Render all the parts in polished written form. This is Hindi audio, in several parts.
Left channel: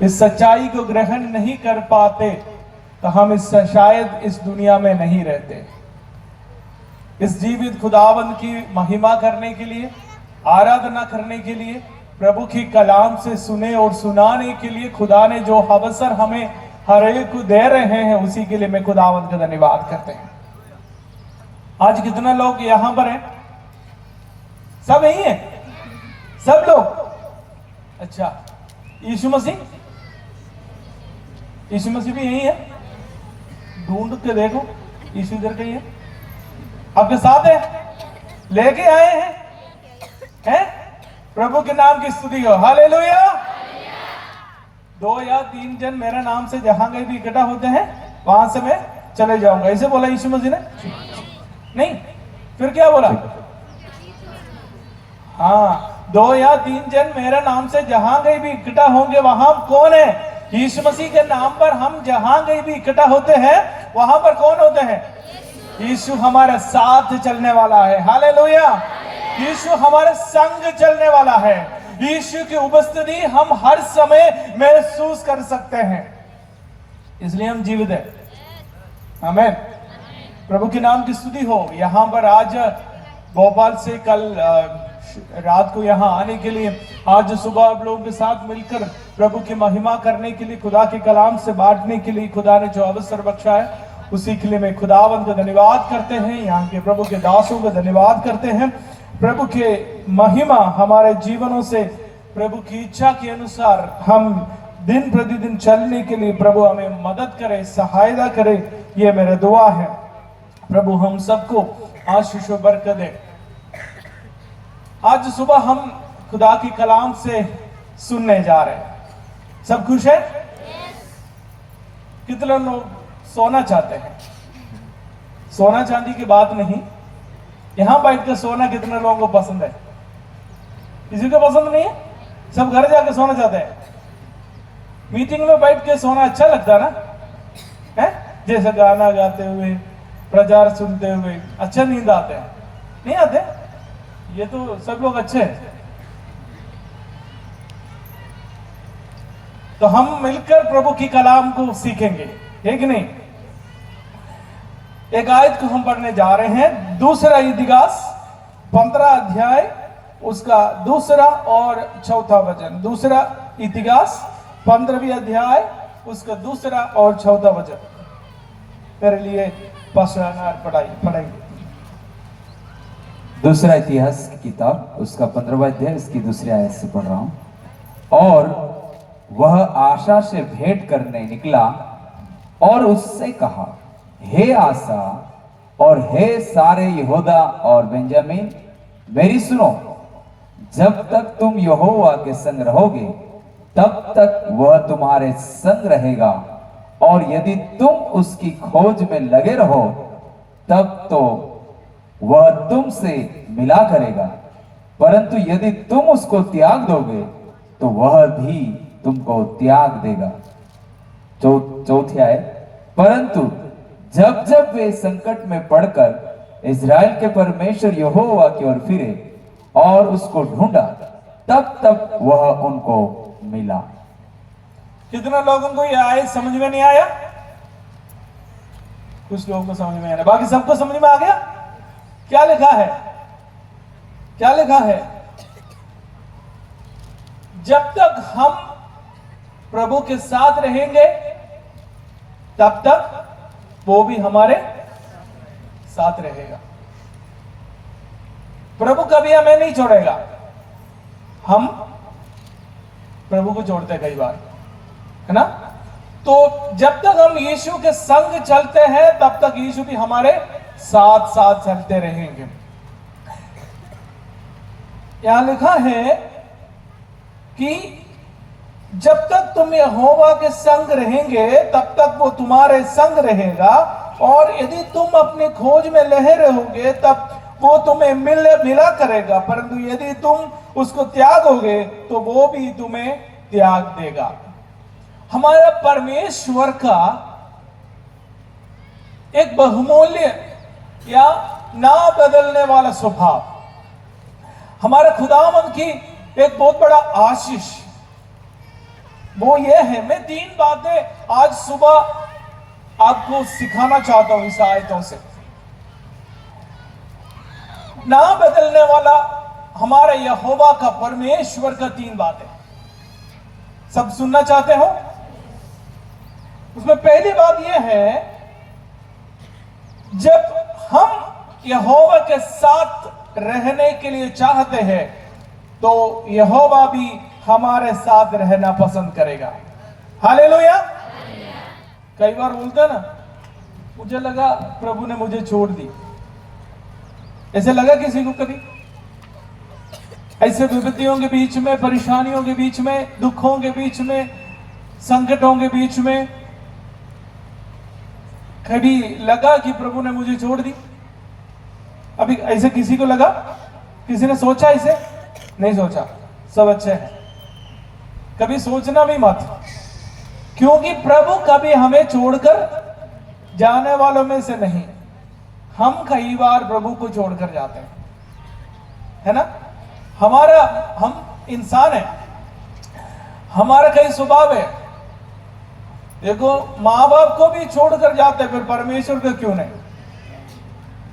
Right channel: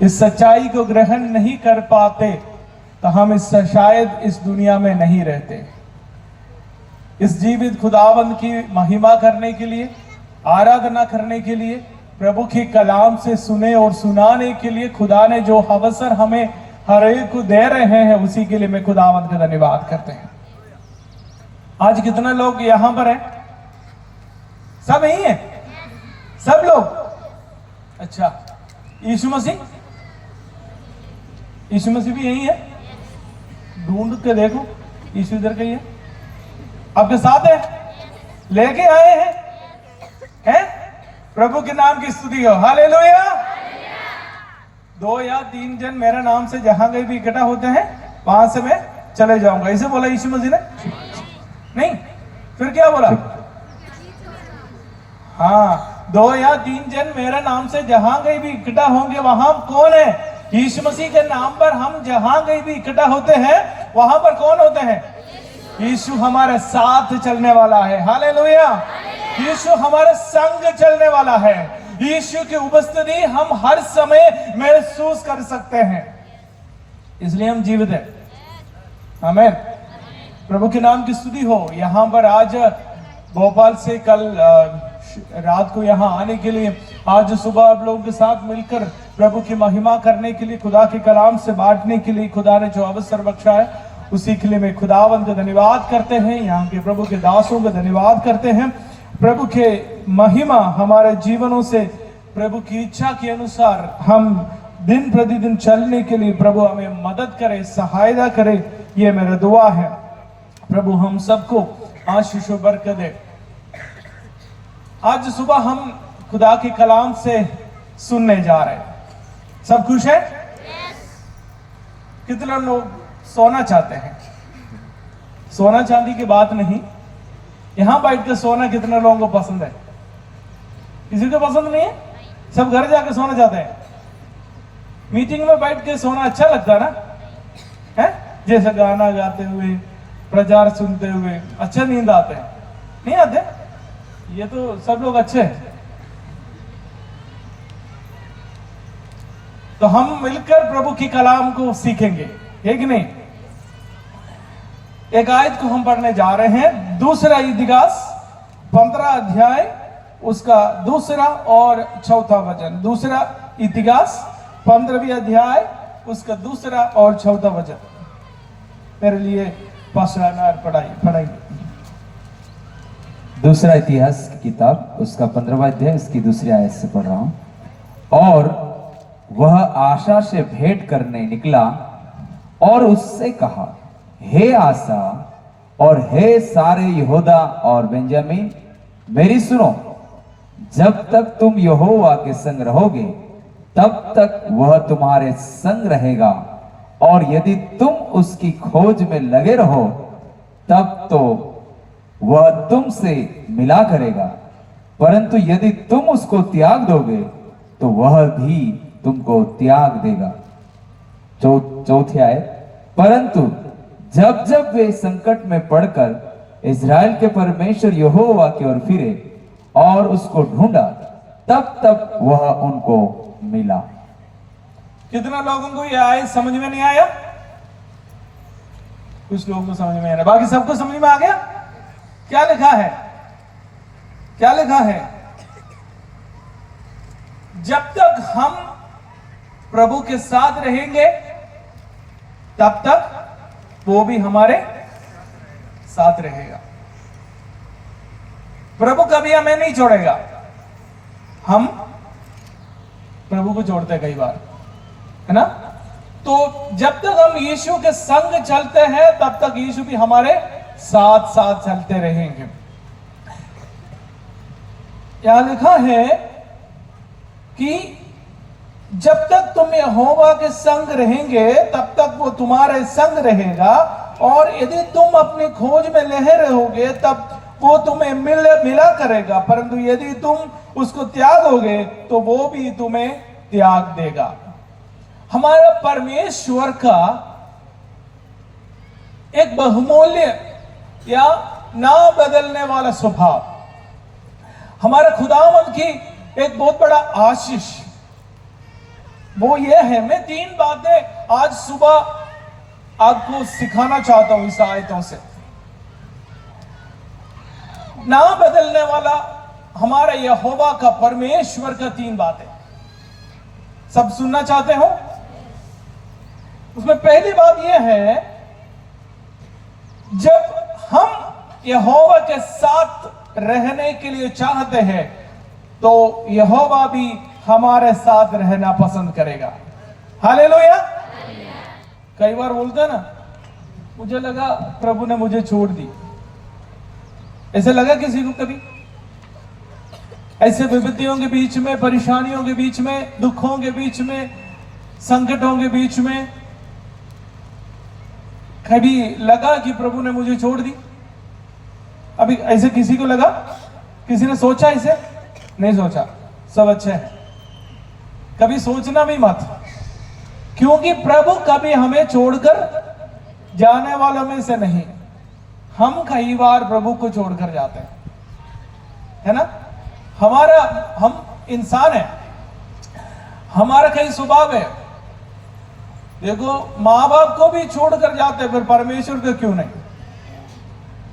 इस सच्चाई को ग्रहण नहीं कर पाते तो हम शायद इस दुनिया में नहीं रहते। इस जीवित खुदावंद की महिमा करने के लिए, आराधना करने के लिए, प्रभु की कलाम से सुने और सुनाने के लिए खुदा ने जो अवसर हमें हर एक को दे रहे हैं, उसी के लिए मैं खुदावंद का धन्यवाद करते हैं। आज कितना लोग यहां पर हैं? सब यही हैं? सब लोग? अच्छा, यीशु मसीह भी यही है? ढूंढ के देखो, यीशु इधर कहीं है? आपके साथ है? लेके आए हैं? प्रभु के नाम की स्तुति हो, हालेलुया। 2 या 3 जन मेरा नाम से जहां कहीं भी इकट्ठा होते हैं, वहां से मैं चले जाऊंगा, इसे बोला यीशु मसीह ने? नहीं, फिर क्या बोला? हाँ, 2 या 3 जन मेरे नाम से जहां कहीं भी इकट्ठा होंगे, वहां कौन है? यीशु मसीह के नाम पर हम जहां कहीं भी इकट्ठा होते हैं, वहां पर कौन होते हैं? यीशु हमारे साथ चलने वाला है, हालेलुया। यीशु हमारे संग चलने वाला है। यीशु की उपस्थिति हम हर समय महसूस कर सकते हैं, इसलिए हम जीवित हैं। आमीन। प्रभु के नाम की स्तुति हो। यहां पर आज भोपाल से कल रात को यहां आने के लिए, आज सुबह आप लोगों के साथ मिलकर प्रभु की महिमा करने के लिए, खुदा के कलाम से बांटने के लिए खुदा ने जो अवसर बख्शा है, उसी के लिए मैं खुदावंद को धन्यवाद करते हैं। यहाँ के प्रभु के दासों को धन्यवाद करते हैं। प्रभु के महिमा हमारे जीवनों से प्रभु की इच्छा के अनुसार हम दिन प्रतिदिन चलने के लिए प्रभु हमें मदद करे, सहायता करे, ये मेरा दुआ है। प्रभु हम सबको आशीष और बरकत दे। आज सुबह हम खुदा के कलाम से सुनने जा रहे हैं। सब खुश है? कितने लोग सोना चाहते हैं? सोना चांदी की बात नहीं, यहां बैठ कर सोना कितने लोगों को पसंद है? किसी को पसंद नहीं है? सब घर जाके सोना चाहते हैं। मीटिंग में बैठ के सोना अच्छा लगता है ना? है जैसे गाना गाते हुए, प्रचार सुनते हुए अच्छा नींद आते हैं? नहीं आते? ये तो सब लोग अच्छे हैं। तो हम मिलकर प्रभु की कलाम को सीखेंगे, है कि नहीं? एक आयत को हम पढ़ने जा रहे हैं, दूसरा इतिहास 15 अध्याय, उसका दूसरा और चौथा वचन। दूसरा इतिहास 15वीं अध्याय, उसका दूसरा और चौथा वचन मेरे लिए पास्टर पढ़ाएंगे। दूसरा इतिहास की किताब, उसका 15वां अध्याय, उसकी दूसरी आयत से पढ़ रहा हूं। और वह आशा से भेंट करने निकला और उससे कहा, हे आशा और हे सारे यहूदा और बेंजामिन, मेरी सुनो। जब तक तुम यहोवा के संग रहोगे, तब तक वह तुम्हारे संग रहेगा, और यदि तुम उसकी खोज में लगे रहो, तब तो वह तुमसे मिला करेगा। परंतु यदि तुम उसको त्याग दोगे, तो वह भी तुमको त्याग देगा। चौथी आयत, परंतु जब जब वे संकट में पड़कर इज़राइल के परमेश्वर यहोवा की ओर फिरे और उसको ढूंढा, तब तक वह उनको मिला। कितने लोगों को यह आयत समझ में नहीं आया? कुछ लोगों को समझ में आया, बाकी सबको समझ में आ गया? क्या लिखा है? क्या लिखा है? जब तक हम प्रभु के साथ रहेंगे, तब तक वो भी हमारे साथ रहेगा। प्रभु कभी हमें नहीं छोड़ेगा। हम प्रभु को छोड़ते कई बार, है ना? तो जब तक हम यीशु के संग चलते हैं, तब तक यीशु भी हमारे साथ साथ चलते रहेंगे। यहां लिखा है कि जब तक तुम यहोवा के संग रहेंगे, तब तक वो तुम्हारे संग रहेगा, और यदि तुम अपनी खोज में लगे रहोगे, तब वो तुम्हें मिला करेगा। परंतु यदि तुम उसको त्यागोगे, तो वो भी तुम्हें त्याग देगा। हमारा परमेश्वर का एक बहुमूल्य या ना बदलने वाला स्वभाव, हमारा खुदावंद की एक बहुत बड़ा आशीष, वो ये है, मैं 3 बातें आज सुबह आपको सिखाना चाहता हूं इस आयतों से। ना बदलने वाला हमारे यहोवा का, परमेश्वर का 3 बातें सब सुनना चाहते हो? उसमें पहली बात यह है, जब हम यहोवा के साथ रहने के लिए चाहते हैं तो यहोवा भी हमारे साथ रहना पसंद करेगा। हालेलुया। कई बार बोलते हैं ना, मुझे लगा प्रभु ने मुझे छोड़ दी। ऐसे लगा किसी को कभी? ऐसे विपत्तियों के बीच में, परेशानियों के बीच में, दुखों के बीच में, संकटों के बीच में कभी लगा कि प्रभु ने मुझे छोड़ दी? अभी ऐसे किसी को लगा? किसी ने सोचा ऐसे? नहीं सोचा। सब अच्छा है। कभी सोचना भी मत, क्योंकि प्रभु कभी हमें छोड़कर जाने वालों में से नहीं। हम कई बार प्रभु को छोड़कर जाते हैं, है ना? हम इंसान है, हमारा कई स्वभाव है। देखो, माँ बाप को भी छोड़कर जाते हैं, फिर परमेश्वर को क्यों नहीं?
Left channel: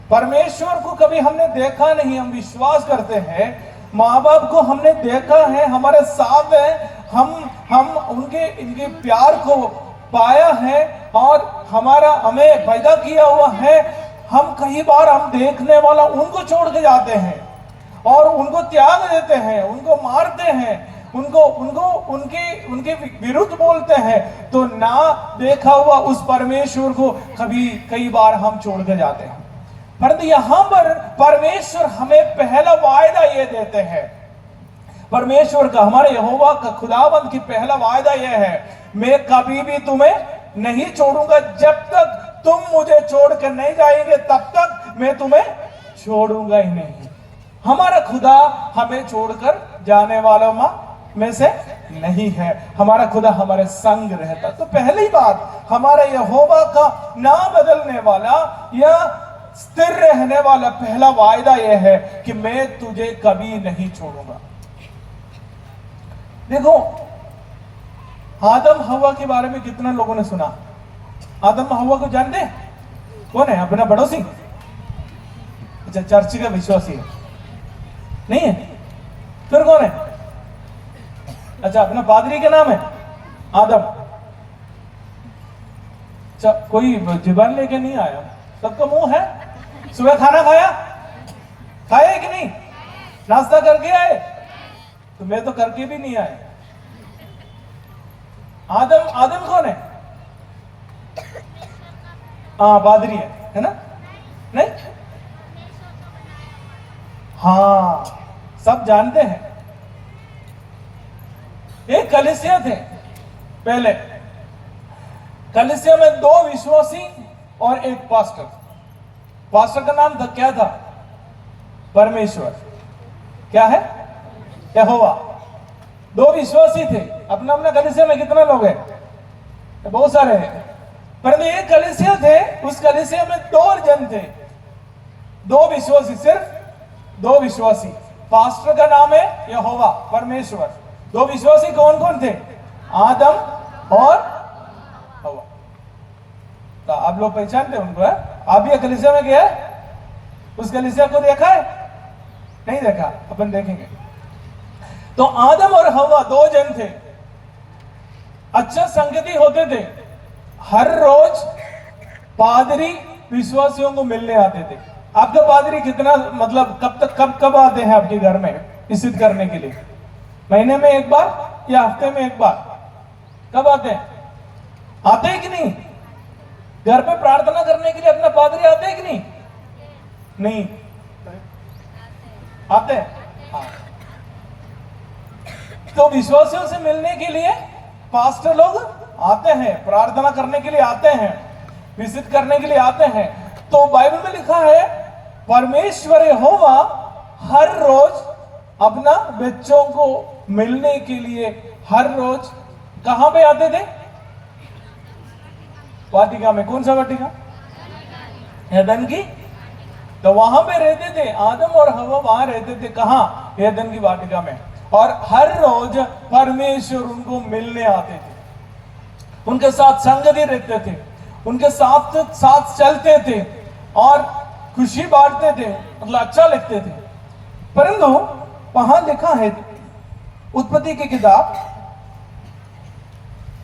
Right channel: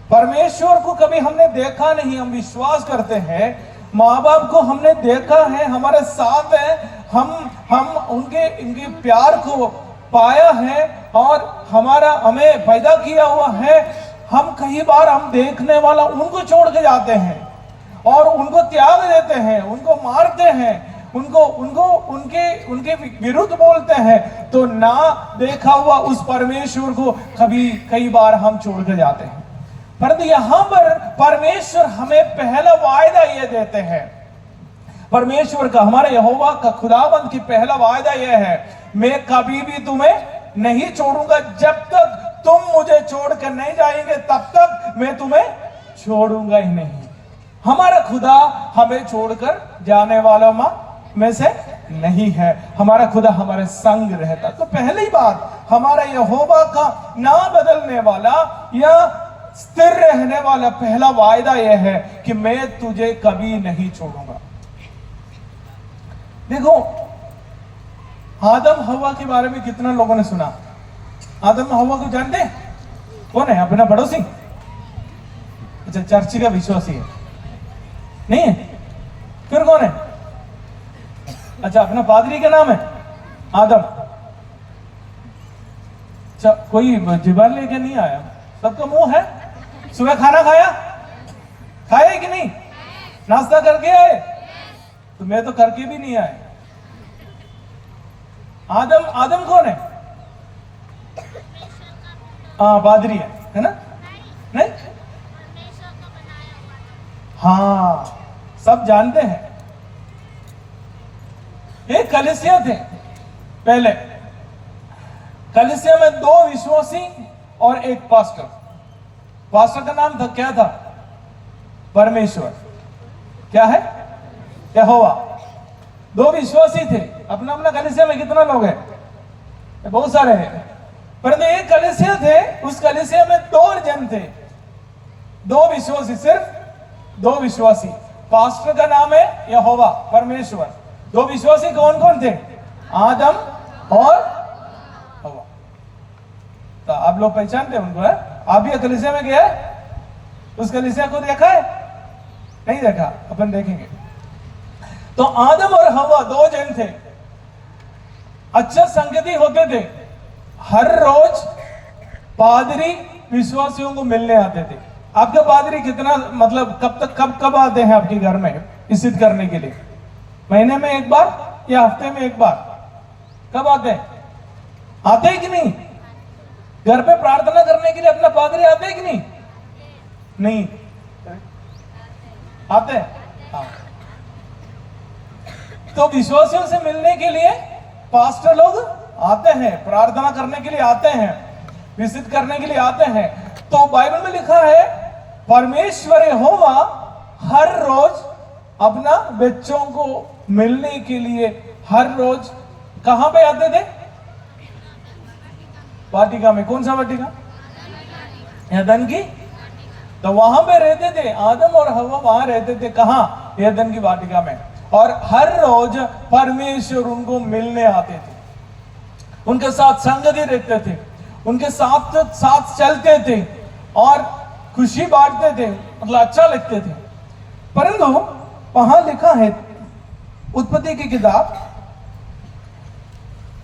परमेश्वर को कभी हमने देखा नहीं, हम विश्वास करते हैं। माँ बाप को हमने देखा है, हमारे साथ है, हम इनके प्यार को पाया है और हमें पैदा किया हुआ है। हम कई बार हम देखने वाला उनको छोड़ के जाते हैं और उनको त्याग देते हैं, उनको मारते हैं, उनके विरुद्ध बोलते हैं। तो ना देखा हुआ उस परमेश्वर को कई बार हम छोड़ कर जाते हैं। परंतु यहां पर परमेश्वर हमें पहला वायदा ये देते हैं। परमेश्वर का, हमारे यहोवा का, खुदावंद की पहला वायदा यह है, मैं कभी भी तुम्हें नहीं छोड़ूंगा। जब तक तुम मुझे छोड़कर नहीं जाएंगे तब तक मैं तुम्हें छोड़ूंगा ही नहीं। हमारा खुदा हमें छोड़कर जाने वालों में से नहीं है। हमारा खुदा हमारे संग रहता। तो पहली बात, हमारे यहोवा का ना बदलने वाला या स्थिर रहने वाला पहला वायदा यह है कि मैं तुझे कभी नहीं छोड़ूंगा। देखो, आदम हवा के बारे में कितना लोगों ने सुना? आदम हवा को जानते? कौन है? अपना पड़ोसी? अच्छा, चर्च का विश्वासी है? नहीं है? फिर कौन है? अच्छा, अपना पादरी का नाम है आदम। अच्छा, कोई जुबान लेके नहीं आया, सबका मुंह है। सुबह खाना खाया कि नहीं? नाश्ता करके आए? तो मैं तो करके भी नहीं आया। आदम कौन है? हाँ, पादरी है ना? नहीं? हाँ, सब जानते हैं। एक कलीसिया थे पहले। कलीसिया में 2 विश्वासी और एक पास्टर। पास्टर का नाम था, क्या था? परमेश्वर। क्या है? यहोवा। 2 विश्वासी थे। अपना कलीसिया में कितना लोग हैं? बहुत सारे हैं। परंतु एक कलीसिया थे, उस कलीसिया में 2 जन थे, 2 विश्वासी, सिर्फ 2 विश्वासी। पास्टर का नाम है यहोवा, परमेश्वर। 2 विश्वासी कौन कौन थे? आदम और हवा। तो आप लोग पहचानते उनको है? आप भी कलीसिया में गया? उस कलीसिया को देखा है? नहीं देखा? अपन देखेंगे। तो आदम और हवा 2 जन थे, अच्छा संगति होते थे। हर रोज पादरी विश्वासियों को मिलने आते थे। आपके पादरी कितना, मतलब कब आते हैं आपके घर में विजिट करने के लिए? महीने में एक बार या हफ्ते में एक बार? कब आते हैं? आते हैं कि नहीं? घर पे प्रार्थना करने के लिए अपना पादरी आते हैं कि नहीं? नहीं आते हैं? हाँ। तो विश्वासियों से मिलने के लिए पास्टर लोग आते हैं, प्रार्थना करने के लिए आते हैं, विजिट करने के लिए आते हैं। तो बाइबल में लिखा है, परमेश्वर यहोवा हर रोज अपना बच्चों को मिलने के लिए हर रोज कहां पे आते थे? वाटिका में। कौन सा वाटिका? एदन की। तो वहां पे रहते थे आदम और हवा, वहां रहते थे। कहां? एदन की वाटिका में। और हर रोज परमेश्वर उनको मिलने आते थे, उनके साथ संगति रखते थे, उनके साथ साथ चलते थे और खुशी बांटते थे, मतलब अच्छा लगते थे। परंतु वहां लिखा है उत्पत्ति की किताब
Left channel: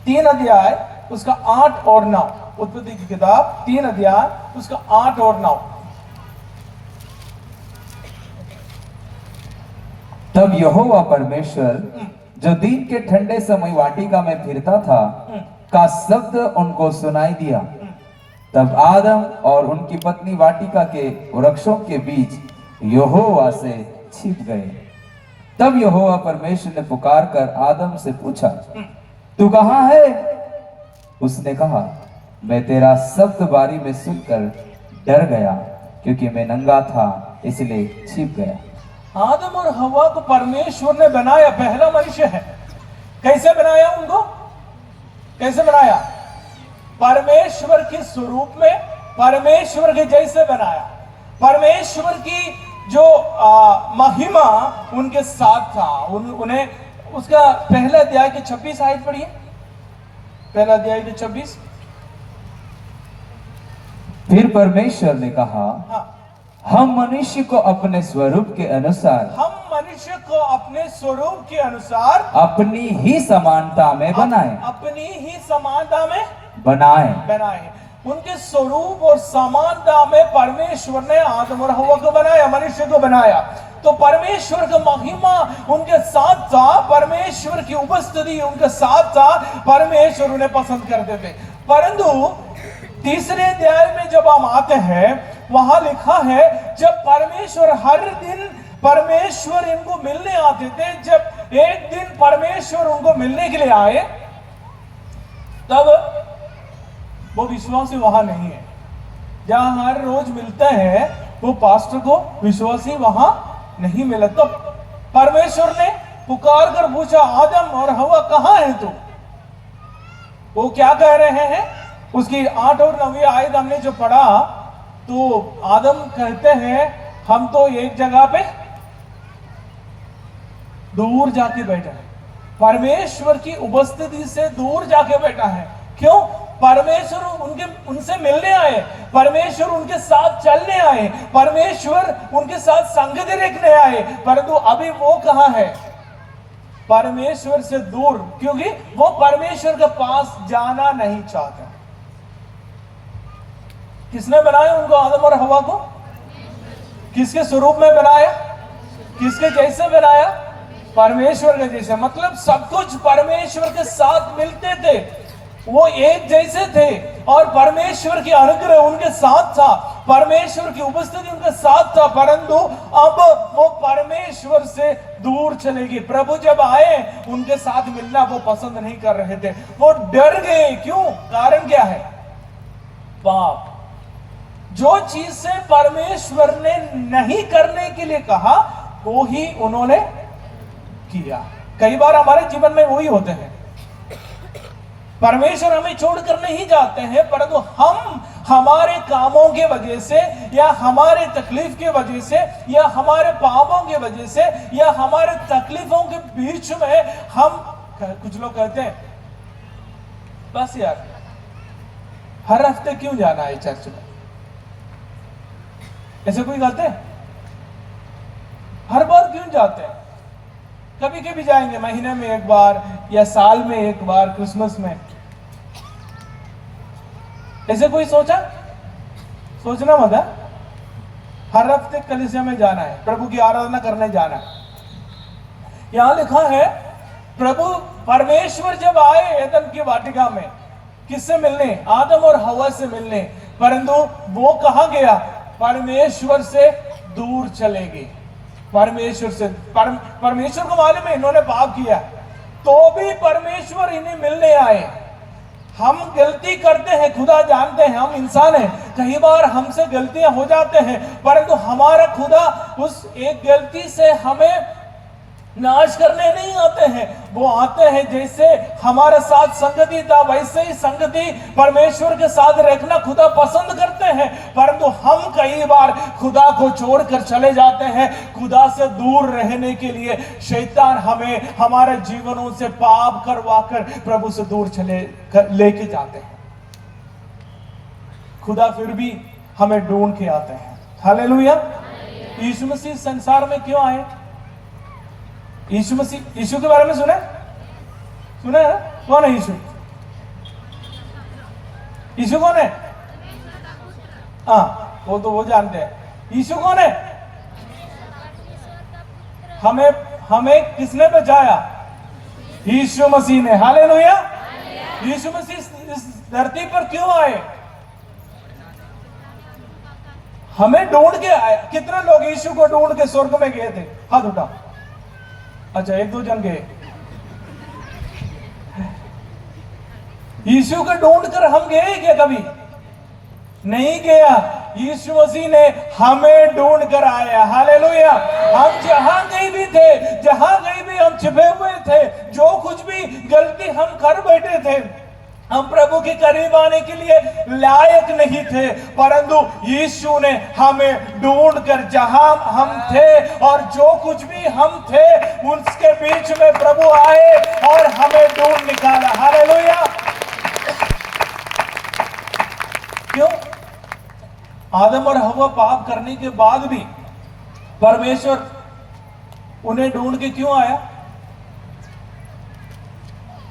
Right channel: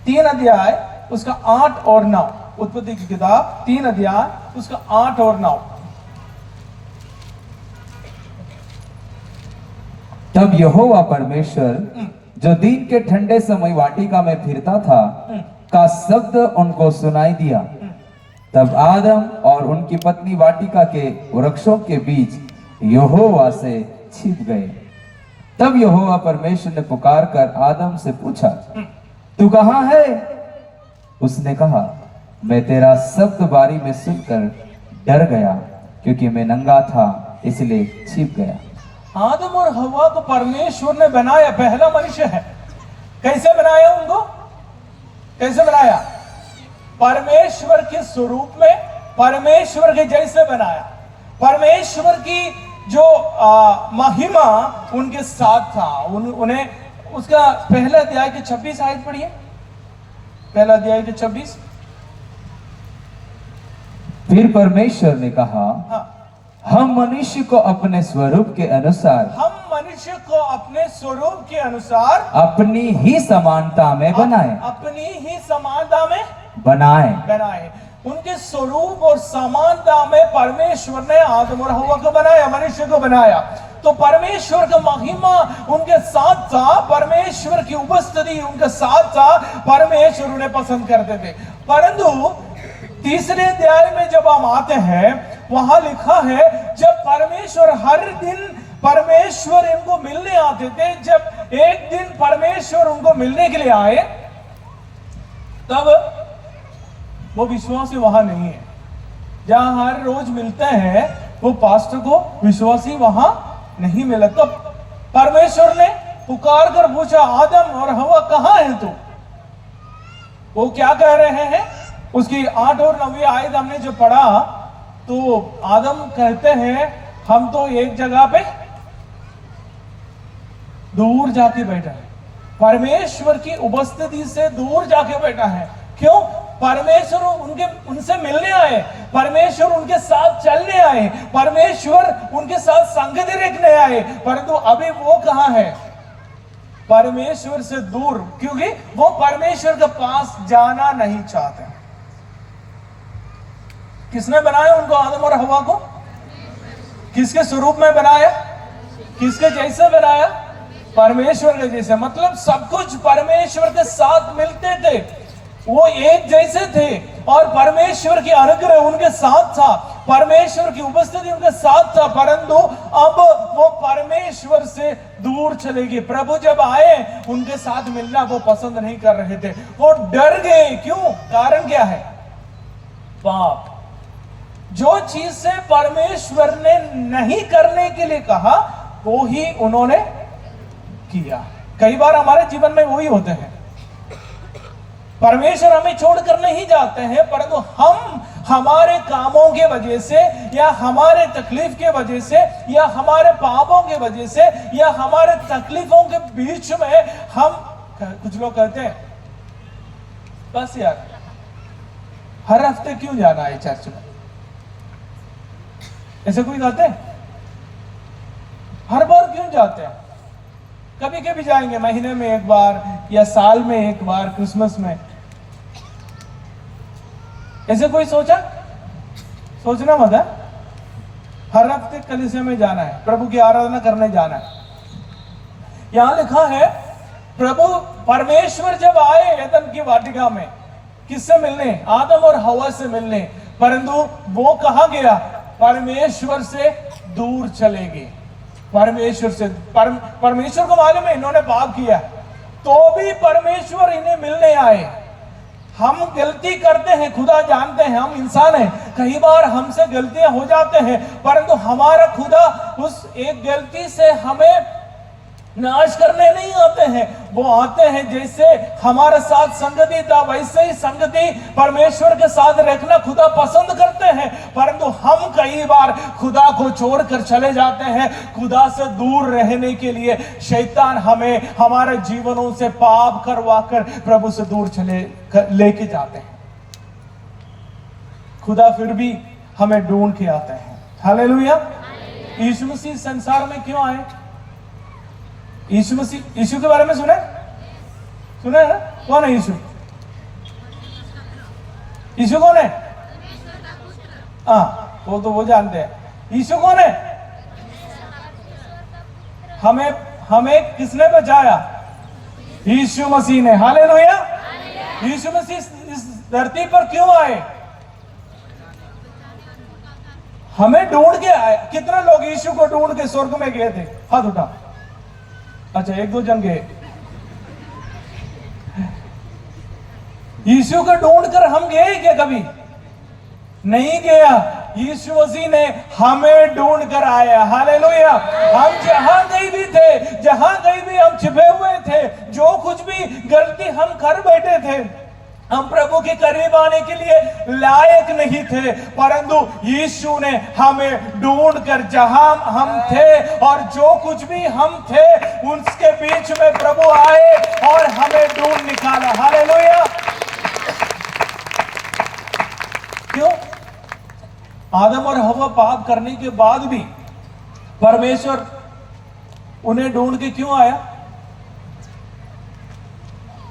3 अध्याय उसका 8 और 9, उत्पत्ति की किताब 3 अध्याय उसका 8 और 9। तब यहोवा परमेश्वर जो दिन के ठंडे समय वाटिका में फिरता था का शब्द उनको सुनाई दिया। तब आदम और उनकी पत्नी वाटिका के वृक्षों के बीच यहोवा से छिप गए। तब यहोवा परमेश्वर ने पुकार कर आदम से पूछा, तू कहाँ है? उसने कहा, मैं तेरा शब्द बारी में सुनकर डर गया, क्योंकि मैं नंगा था इसलिए छिप गया। आदम और हवा को परमेश्वर ने बनाया, पहला मनुष्य है। कैसे बनाया उनको? कैसे बनाया? परमेश्वर के स्वरूप में, परमेश्वर के जैसे बनाया। परमेश्वर की जो महिमा उनके साथ था। उन्हें उसका पहला अध्याय के 26 आयत पढ़िए, पहला अध्याय के 26। फिर परमेश्वर ने कहा, हाँ, हम मनुष्य को अपने स्वरूप के अनुसार, हम मनुष्य को अपने स्वरूप के अनुसार अपनी ही समानता में बनाए, अपनी ही समानता में बनाए। उनके स्वरूप और समानता में परमेश्वर ने आदम और हवा को बनाया, मनुष्य को बनाया। तो परमेश्वर का महिमा उनके साथ था, परमेश्वर की उपस्थिति उनके साथ था, परमेश्वर उन्हें पसंद करते थे। परंतु तीसरे अध्याय में जब हम आते हैं, वहां लिखा है जब परमेश्वर हर दिन परमेश्वर इनको मिलने आते थे, जब एक दिन परमेश्वर उनको मिलने के लिए आए, तब वो विश्वासी वहां नहीं है। जहां हर रोज मिलते हैं वो पास्टर को विश्वासी वहां नहीं मिले। तब परमेश्वर ने पुकार कर पूछा, आदम और हवा कहां है तू? वो क्या कह रहे हैं? उसकी 8 और 9 आयत हमने जो पढ़ा, तो आदम कहते हैं हम तो एक जगह पे दूर जाके बैठा है, परमेश्वर की उपस्थिति से दूर जाके बैठा है। क्यों? परमेश्वर उनसे मिलने आए, परमेश्वर उनके साथ चलने आए, परमेश्वर उनके साथ संगति रखने आए। परंतु अभी वो कहां है? परमेश्वर से दूर, क्योंकि वो परमेश्वर के पास जाना नहीं चाहते। किसने बनाया उनको, आदम और हवा को? किसके स्वरूप में बनाया? किसके जैसे बनाया? परमेश्वर के जैसे। मतलब सब कुछ परमेश्वर के साथ मिलते थे, वो एक जैसे थे और परमेश्वर की अनुग्रह उनके साथ था, परमेश्वर की उपस्थिति उनके साथ था। परंतु अब वो परमेश्वर से दूर चले गए। प्रभु जब आए उनके साथ मिलना वो पसंद नहीं कर रहे थे, वो डर गए। क्यों? कारण क्या है? पाप। जो चीज से परमेश्वर ने नहीं करने के लिए कहा वो ही उन्होंने किया। कई बार हमारे जीवन में वही होते हैं, परमेश्वर हमें छोड़कर नहीं जाते हैं, परंतु हम हमारे कामों के वजह से या हमारे तकलीफ के वजह से या हमारे पापों के वजह से या हमारे तकलीफों के बीच में हम, कुछ लोग कहते हैं बस यार हर हफ्ते क्यों जाना है चर्च में? ऐसे कोई कहते हैं? हर बार क्यों जाते हैं? कभी कभी जाएंगे, महीने में एक बार या साल में एक बार, क्रिसमस में। ऐसे कोई सोचना मत है। हर हफ्ते कलीसिया में जाना है, प्रभु की आराधना करने जाना है। यहां लिखा है प्रभु परमेश्वर जब आए एदन की वाटिका में, किससे मिलने? आदम और हवा से मिलने। परंतु वो कहां गया? परमेश्वर से दूर चले गए। परमेश्वर से परमेश्वर को मालूम है इन्होंने पाप किया, तो भी परमेश्वर इन्हें मिलने आए। हम गलती करते हैं, खुदा जानते हैं, हम इंसान हैं, कई बार हमसे गलतियां हो जाते हैं, परंतु हमारा खुदा उस एक गलती से हमें नाश करने नहीं आते हैं, वो आते हैं जैसे हमारे साथ संगति था वैसे ही संगति परमेश्वर के साथ रखना खुदा पसंद करते हैं। परंतु हम कई बार खुदा को छोड़कर चले जाते हैं। खुदा से दूर रहने के लिए शैतान हमें हमारे जीवनों से पाप करवाकर प्रभु से दूर लेके जाते हैं। खुदा फिर भी हमें ढूंढ के आते हैं। हालेलुया। यीशु मसीह संसार में क्यों आए? यीशु मसीह, यीशु के बारे में सुना है ना? कौन है यीशु? यीशु कौन है? हाँ, वो जानते हैं। यीशु कौन है? हमें किसने बचाया? यीशु मसीह ने। हालेलुया। यीशु मसीह इस धरती पर क्यों आए? हमें ढूंढ के आए। कितने लोग यीशु को ढूंढ के स्वर्ग में गए थे? हाथ उठा। अच्छा, एक दो जन गए। यीशु को ढूंढ कर हम गए क्या कभी? नहीं गया। यीशु मसीह ने हमें ढूंढ कर आया। हालेलुया। हम जहां कहीं भी थे, जहां कहीं भी हम छिपे हुए थे, जो कुछ भी गलती हम कर बैठे थे, हम प्रभु के करीब आने के लिए लायक नहीं थे, परंतु यीशु ने हमें ढूंढकर जहां हम थे और जो कुछ भी हम थे उसके बीच में प्रभु आए और हमें ढूंढ निकाला। हालेलुया। क्यों? आदम और हवा पाप करने के बाद भी परमेश्वर उन्हें ढूंढ के क्यों आया?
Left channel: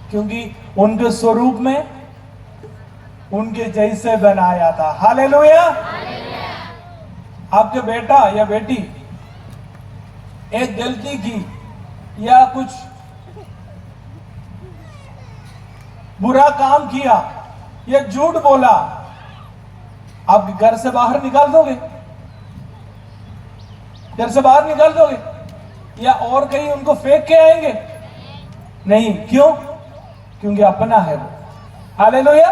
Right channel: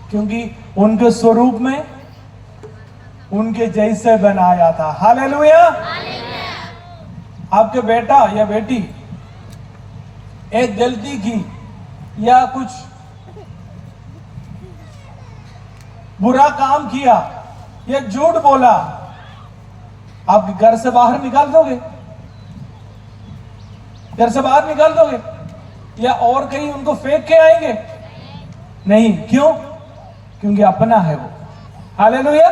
क्योंकि उनके स्वरूप में उनके जैसे बनाया था। हालेलुया। आपके बेटा या बेटी एक गलती की या कुछ बुरा काम किया या झूठ बोला, आप घर से बाहर निकाल दोगे? घर से बाहर निकाल दोगे या और कहीं उनको फेंक के आएंगे? नहीं। क्यों? क्योंकि अपना है वो। हालेलुया।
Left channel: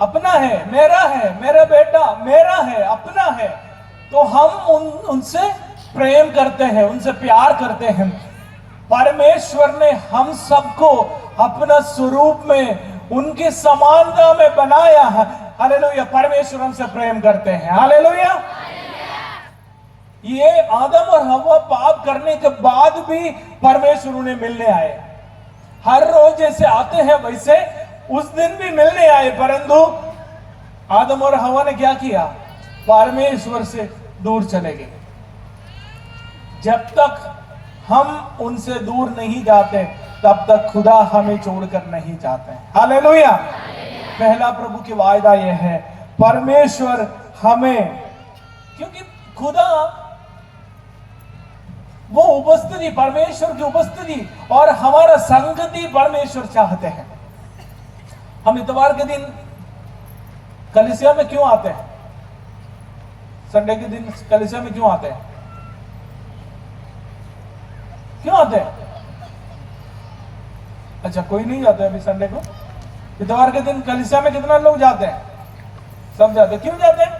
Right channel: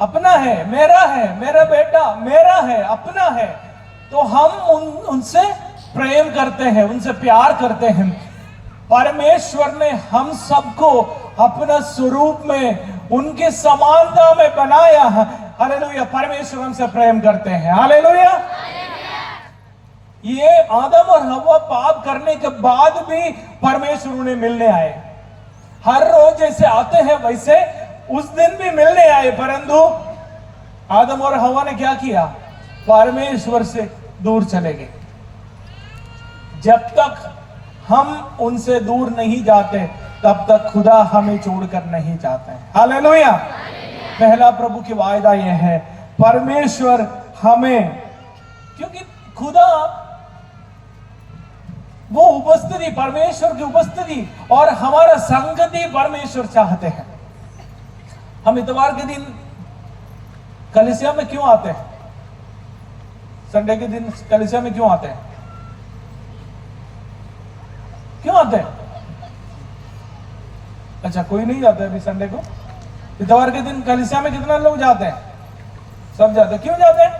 अपना है, मेरा बेटा मेरा है, अपना है, तो हम उनसे प्रेम करते हैं, उनसे प्यार करते हैं। परमेश्वर ने हम सबको अपना स्वरूप में उनकी समानता में बनाया है। हालेलुया। परमेश्वर हमसे प्रेम करते हैं। हालेलुया। ये आदम और हवा पाप करने के बाद भी परमेश्वर उन्हें मिलने आए। हर रोज जैसे आते हैं वैसे उस दिन भी मिलने आए, परंतु आदम और हवा ने क्या किया? परमेश्वर से दूर चले गए। जब तक हम उनसे दूर नहीं जाते तब तक खुदा हमें छोड़कर नहीं जाते। हालेलुया। पहला प्रभु की वायदा यह है, परमेश्वर हमें, क्योंकि खुदा वो उपस्थिति, परमेश्वर की उपस्थिति और हमारा संगति परमेश्वर चाहते हैं। हम इतवार के दिन कलीसिया में क्यों आते हैं? संडे के दिन कलीसिया में क्यों आते हैं? क्यों आते हैं? अच्छा, कोई नहीं जाता है अभी संडे को? इतवार के दिन कलीसिया में कितना लोग जाते हैं? सब जाते हैं। क्यों जाते हैं?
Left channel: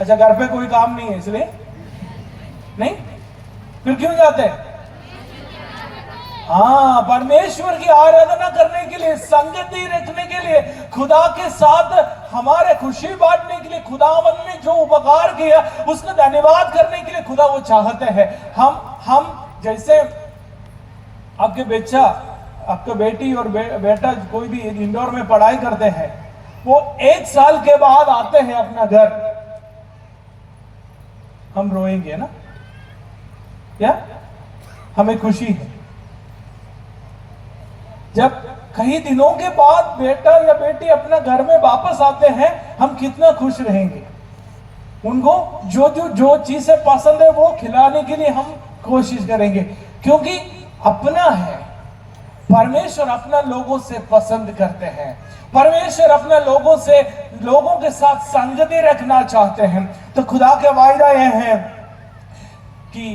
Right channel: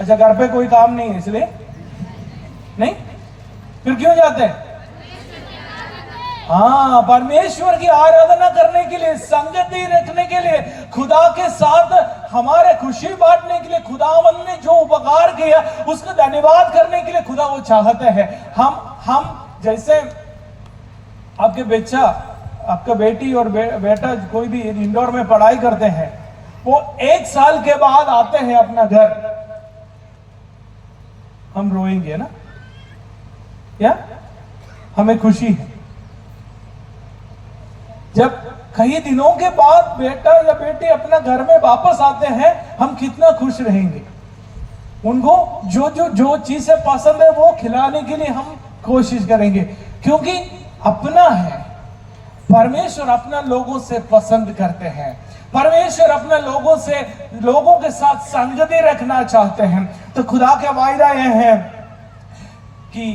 अच्छा, घर पे कोई काम नहीं है इसलिए नहीं? फिर क्यों जाते हैं? हाँ, परमेश्वर की आराधना करने के लिए, संगति रखने के लिए, खुदा के साथ हमारे खुशी बांटने के लिए, खुदावन ने जो उपकार किया उसका धन्यवाद करने के लिए खुदा वो चाहते हैं। हम जैसे आपके बच्चा, आपका बेटी और बेटा कोई भी इंदौर में पढ़ाई करते हैं, वो 1 साल के बाद आते हैं अपना घर, हम रोएंगे ना? या हमें खुशी है जब कई दिनों के बाद बेटा या बेटी अपना घर में वापस आते हैं, हम कितना खुश रहेंगे। उनको जो चीजें पसंद है वो खिलाने के लिए हम कोशिश करेंगे, क्योंकि अपना है। परमेश्वर अपना लोगों से पसंद करते हैं। परमेश्वर अपना लोगों के साथ संगति रखना चाहते हैं। तो खुदा का वायदा यह है कि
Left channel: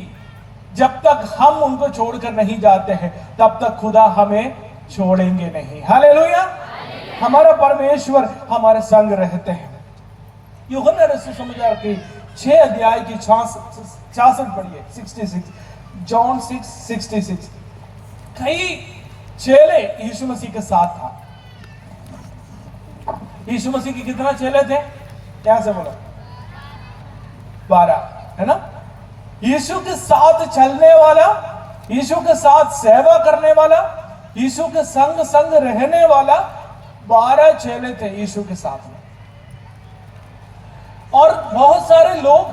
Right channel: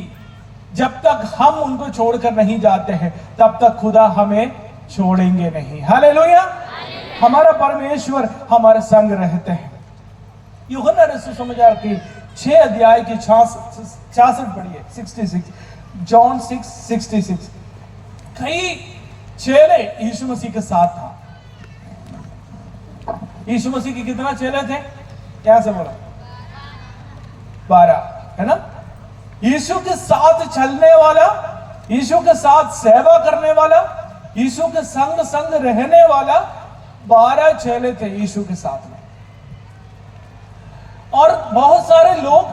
जब तक हम उनको छोड़कर नहीं जाते हैं तब तक खुदा हमें छोड़ेंगे नहीं। हालेलुया। हमारा परमेश्वर हमारे संग रहते हैं। यूहन्ना रसूल सुसमाचार की 6 अध्याय की 66 पढ़िए, 66। जॉन 6:66। कई चेले यीशु मसीह के साथ था। यीशु मसीह के कितना चेले थे? क्या से बोला? 12, है ना? यीशु के साथ चलने वाला, यीशु के साथ सेवा करने वाला, यीशु के संग संग रहने वाला 12 चेले थे यीशु के साथ में। और बहुत सारे लोग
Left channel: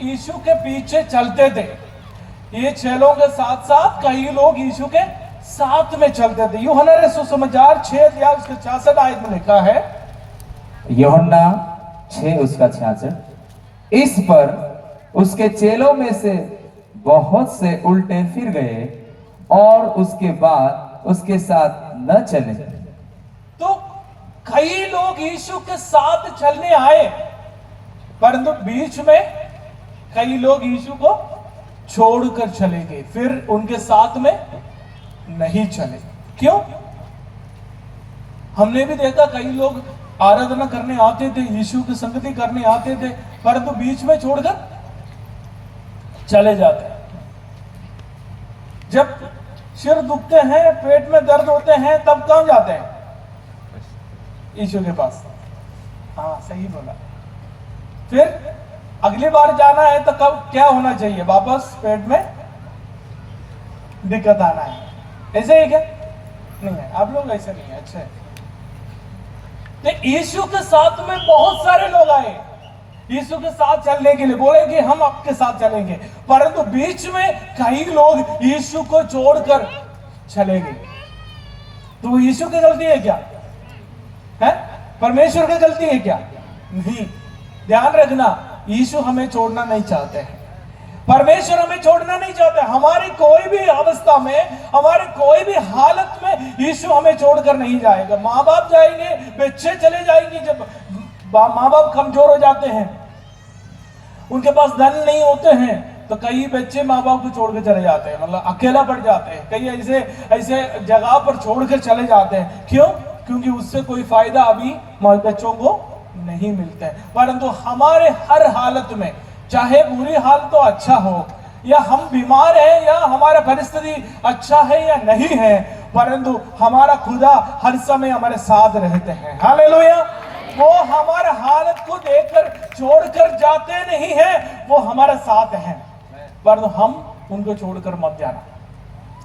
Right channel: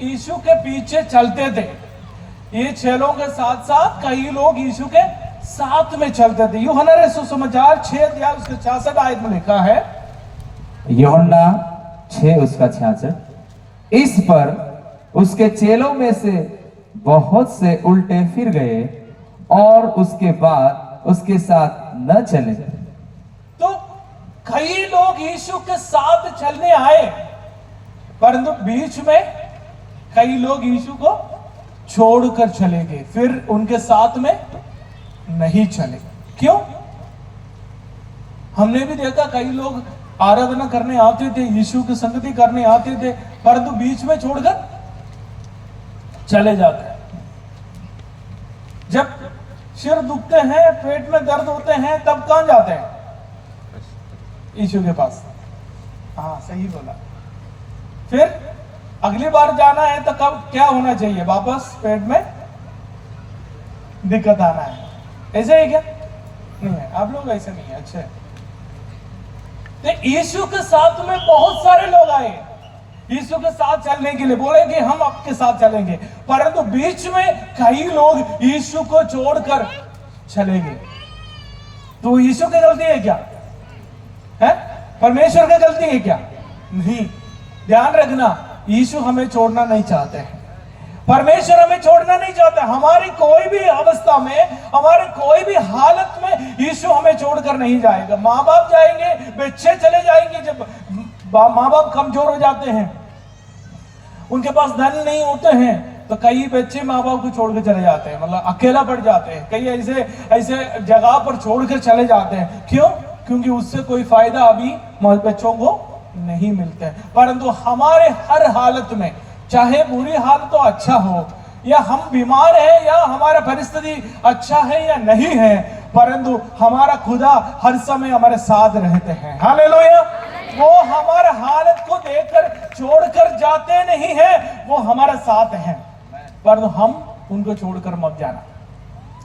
यीशु के पीछे चलते थे। ये चेलों के साथ साथ कई लोग यीशु के साथ में चलते थे। यूहन्ना सुसमाचार 6 अध्याय उसके 66 आयत में लिखा है, यूहन्ना 6 उसका 66, इस पर उसके चेलों में से बहुत से उल्टे फिर गए और उसके बाद उसके साथ न चले। तो कई लोग यीशु के साथ चलने आए, परंतु बीच में कई लोग यीशु को छोड़कर चले गए, फिर उनके साथ में नहीं चले। क्यों? हमने भी देखा कई लोग आराधना करने आते थे, यीशु की संगति करने आते थे, परंतु बीच में छोड़कर चले जाते हैं। जब सिर दुखते हैं, पेट में दर्द होते हैं, तब कहां जाते हैं? यीशु के पास। हाँ, सही बोला। फिर अगली बार जाना है तो कब क्या होना चाहिए? वापस पेट में दिक्कत आना है। ऐसे ही क्या? नहीं है, आप लोग ऐसे नहीं है। अच्छे। तो यीशु के साथ में बहुत सारे लोग आए यीशु के साथ चलने के लिए, बोले कि हम आपके साथ चलेंगे, परंतु बीच में कई लोग यीशु को छोड़कर चले गए। तो यीशु की गलती है क्या? है? परमेश्वर की गलती है क्या? नहीं। ध्यान रखना, यीशु हमें छोड़ना नहीं चाहते हैं, परमेश्वर हमें छोड़ना नहीं चाहते। हमारी कोई भी अवस्था में, हमारे कोई भी हालत में यीशु हमें छोड़कर नहीं जाएगा। माँ बाप जाएंगे, बच्चे चले जाएंगे। जब माँ बाप कमजोर हो जाते हैं, उनके पास धन नहीं होते हैं, तो कई बच्चे माँ बाप को छोड़कर चले जाते हैं, मतलब अकेला पड़ जाते हैं। कई ऐसे ऐसे जगह पर छोड़कर चले जाते हैं। क्यों? क्योंकि उससे कोई फायदा अभी बच्चों को नहीं मिलता है। परंतु हमारे हर हालत में, चाहे बुरी हाल तो अच्छा हो, या हम बीमार हैं, या हमारा परिस्थिति अच्छा है या नहीं है, परंतु हमारा खुदा हर समय हमारे साथ रहते हैं। हालेलुया। वो हमारा हालत को देखकर छोड़कर जाते नहीं हैं, वो हमारे साथ हैं, परंतु हम उनको छोड़कर मत जाना।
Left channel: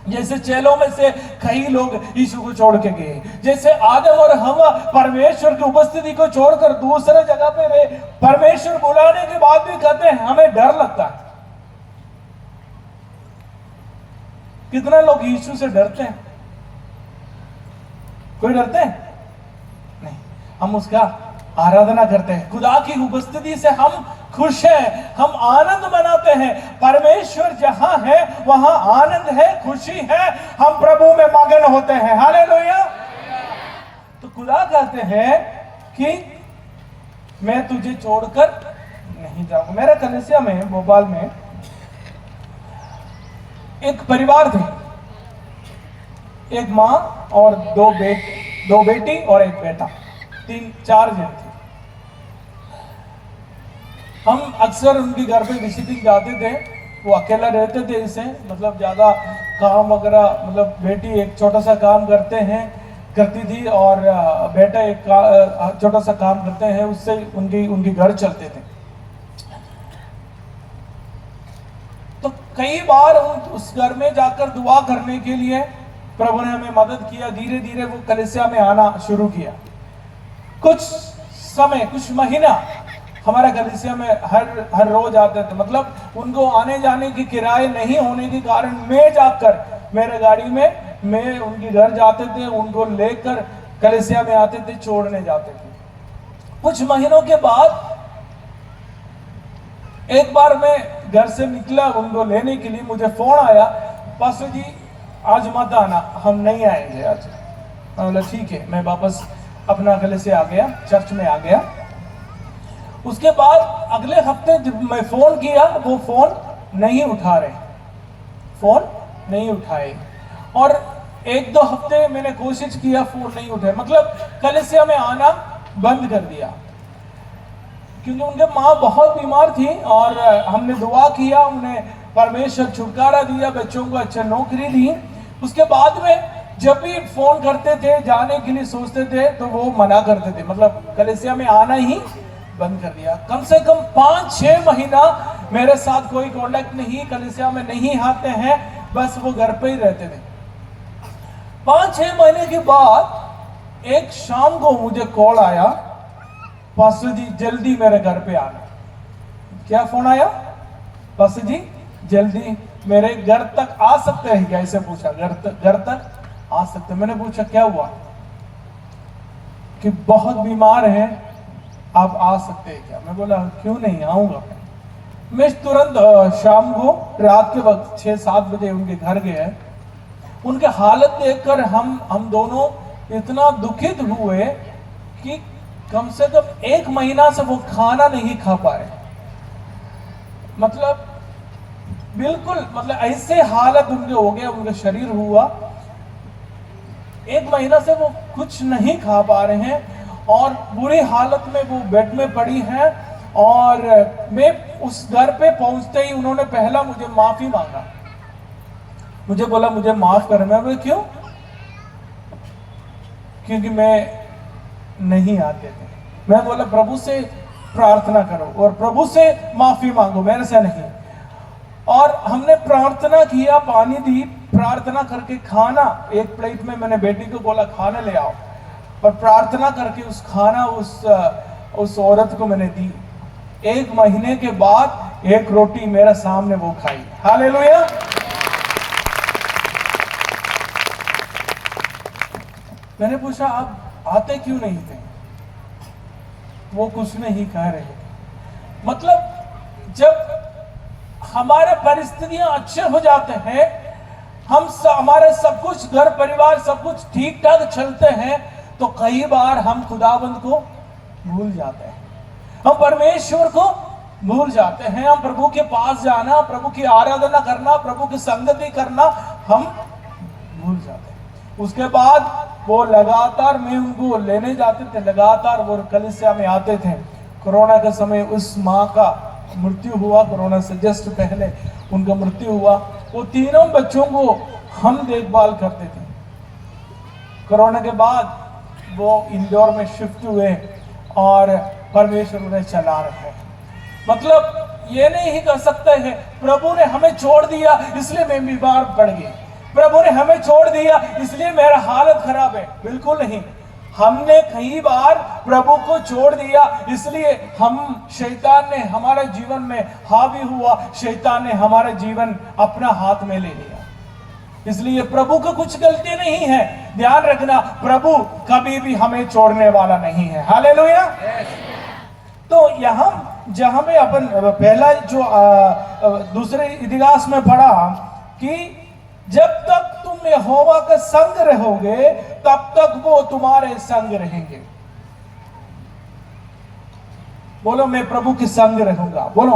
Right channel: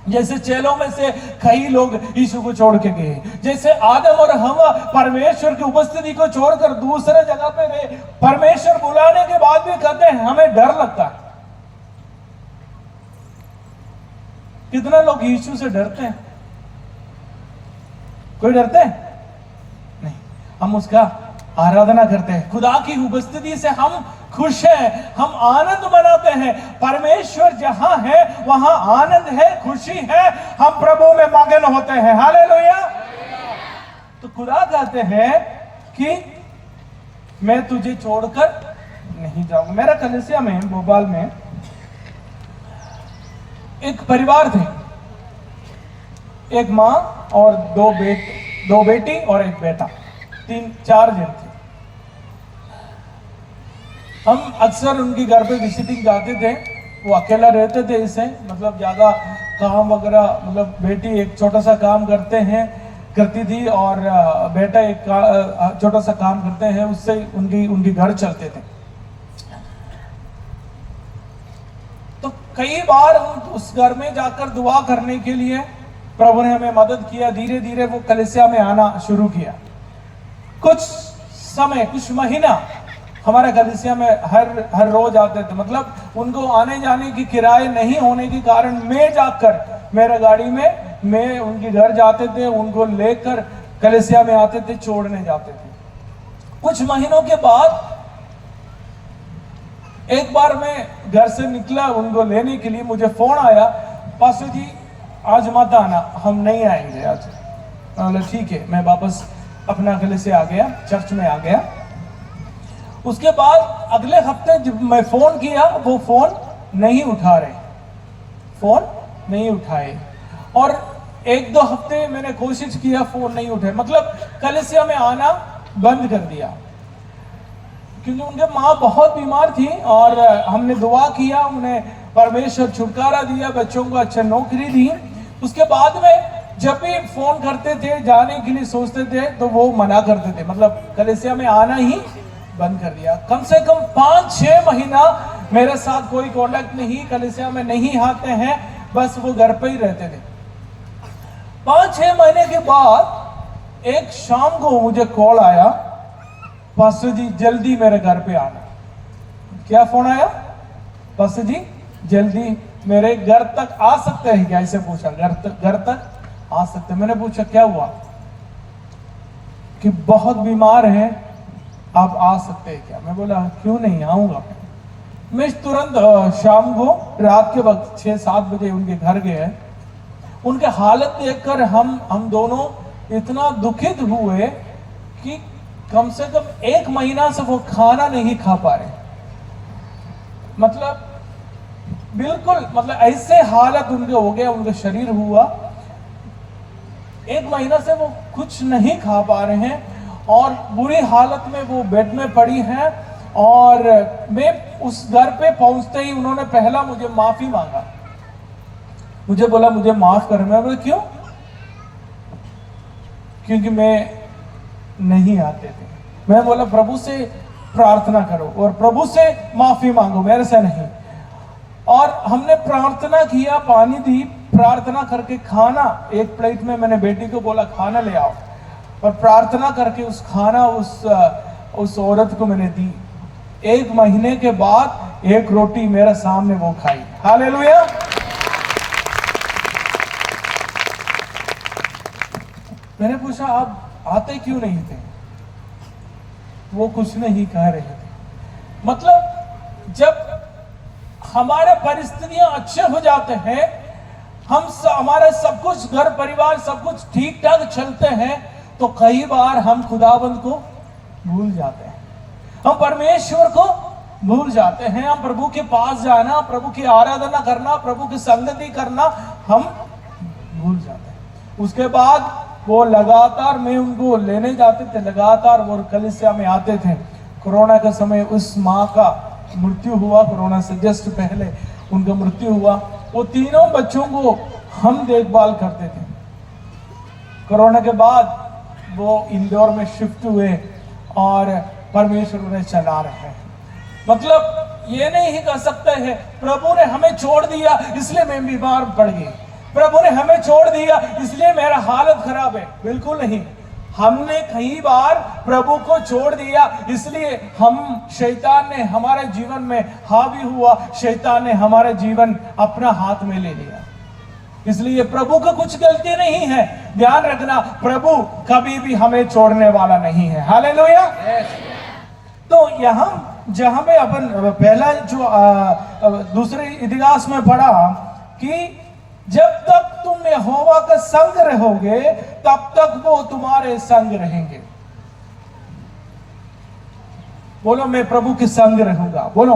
जैसे चेलों में से कई लोग यीशु को छोड़ के गए, जैसे आदम और हवा परमेश्वर की उपस्थिति को छोड़कर दूसरे जगह पे गए। परमेश्वर बुलाने के बाद भी कहते हैं हमें डर लगता है। कितना लोग यीशु से डरते हैं? कोई डरते हैं? नहीं। हम उसका आराधना करते हैं, खुदा की उपस्थिति से हम खुश हैं, हम आनंद मनाते हैं। परमेश्वर जहां है वहां आनंद है, खुशी है, हम प्रभु में मगन होते हैं। हालेलुया। तो खुदा कहते हैं कि मैं तुझे छोड़कर नहीं जाऊंगा। मेरा कलीसिया में, भोपाल में एक परिवार थे, एक माँ और दो बेटी और एक बेटा, 3-4 जन थे। हम अक्सर उनके घर पे विजिटिंग जाते थे। वो अकेला रहते थे, इसे मतलब ज्यादा काम वगैरह, मतलब बेटी एक छोटा सा काम करती थी और बेटा एक छोटा सा काम करते हैं, उससे उनकी घर चलते थे। तो कई बार उस घर में जाकर दुआ करने के लिए प्रभु ने हमें मदद किया। धीरे धीरे वो कलीसिया में आना शुरू किया। कुछ समय, कुछ महीना हमारा कलीसिया में हर रोज आते थे। मतलब उनको आने जाने की किराए नहीं होने के कारण मैं जाकर, मेरे गाड़ी में मैं उनके घर जाते थे, उनको लेकर कलीसिया में आते थे, छोड़ने जाते थे। कुछ महीनों के बाद एक बार मैं घर से निकला उनको लेने के लिए, मुझे फोन आया, पास्टर जी आज मत आना, हम नहीं आएंगे आज। मतलब ठीक है, मैं वापस अपना कलीसिया आ गया, चर्च में आ गया। उसके बाद अगले हफ्ते जब मैं फोन किया, वो फोन नहीं उठा रहे, फोन नहीं उठाए। और 1-2 हफ्ते मैंने कोशिश किया, फोन नहीं उठाए, मतलब कलीसिया में आना बंद कर दिया। क्योंकि उनके माँ बहुत बीमार थी और हमने दुआ किया, उन्हें परमेश्वर छुटकारा दिया, बच्चों को अच्छा नौकरी दी। उसके बाद में जब भी फोन करते थे, जाने के लिए सोचते थे, तो वो मना करते थे, मतलब कलीसिया में आना ही बंद कर दिया। कम से कम 5-6 महीना मेरे साथ कोई कांटेक्ट नहीं, कलीसिया में नहीं आते हैं, बस वो घर पे ही रहते थे। 5-6 महीने के बाद एक शाम को मुझे कॉल आया, पास्टर जी जल्दी मेरे घर पे आना। क्या फोन आया? पास्टर जी जल्दी मेरे घर तक आ सकते हैं क्या? ऐसे पूछा, घर तक आ सकते। मैंने पूछा क्या हुआ? कि बहुत बीमार हैं, आप आ सकते हैं क्या? मैं बोला क्यों नहीं आऊंगा। मैं तुरंत शाम को रात के वक्त 6-7 बजे उनके घर गए। उनके हालत देखकर हम दोनों इतना दुखित हुए कि कम से कम 1 महीना से वो खाना नहीं खा पा रहे। मतलब बिल्कुल, मतलब ऐसे हालत उनके हो गया, उनका शरीर हुआ। 1 महीना से वो कुछ नहीं खा पा रहे हैं और बुरी हालत में वो बेड में पड़ी हैं। और मैं उस घर पे पहुंचते ही उन्होंने पहला मुझे माफी मांगा। मुझे बोला मुझे माफ करें। मैं बोला क्यों? क्योंकि मैं नहीं आते थे। मैं बोला प्रभु से प्रार्थना करो और प्रभु से माफी मांगो, मेरे से नहीं। और हमने प्रार्थना किया, पानी दी, प्रार्थना करके खाना एक प्लेट में मैंने बेटी को बोला खाना ले आओ, और प्रार्थना करके उस खाना उस औरत को मैंने दी। 1 महीने के बाद 1 रोटी मेरे सामने वो खाई। हालेलुया। मैंने पूछा आप आते क्यों नहीं थे? वो कुछ नहीं कह रहे थे। मतलब जब हमारे परिस्थितियां अच्छे हो जाते हैं, हमारे सब कुछ घर परिवार सब कुछ ठीक ठाक चलते हैं, तो कई बार हम खुदाबंद को भूल जाते हैं, हम परमेश्वर को भूल जाते हैं। हम प्रभु के पास जाना, प्रभु की आराधना करना, प्रभु की संगति करना हम भूल जाते हैं। उसके बाद वो लगातार, मैं उनको लेने जाते थे, लगातार वो कलीसिया में आते थे। कोरोना के समय उस माँ का मृत्यु हुआ, कोरोना से जस्ट पहले उनका मृत्यु हुआ। वो तीनों बच्चों को हम देखभाल करते थे। कोरोना के बाद वो इंदौर में शिफ्ट हुए और परमेश्वर उन्हें चला रहे हैं। मतलब ये नहीं कह सकते हैं प्रभु ने हमें छोड़ दिया इसलिए मैं बीमार पड़ गई, प्रभु ने हमें छोड़ दिया इसलिए मेरा हालत खराब है। बिल्कुल नहीं। हमने कई बार प्रभु को छोड़ दिया, इसलिए शैतान ने हमारे जीवन में हावी हुआ, शैतान ने हमारा जीवन अपना हाथ में ले लिया। इसलिए प्रभु का कुछ गलती नहीं है। ध्यान रखना, प्रभु कभी भी हमें छोड़ने वाला नहीं है। हालेलुया। तो यहाँ जहां में अपन पहला जो दूसरे इतिहास में पढ़ा कि जब तक तुम यहोवा का संग रहोगे तब तक वो तुम्हारे संग रहेंगे। बोलो मैं प्रभु के संग रहूंगा। बोलो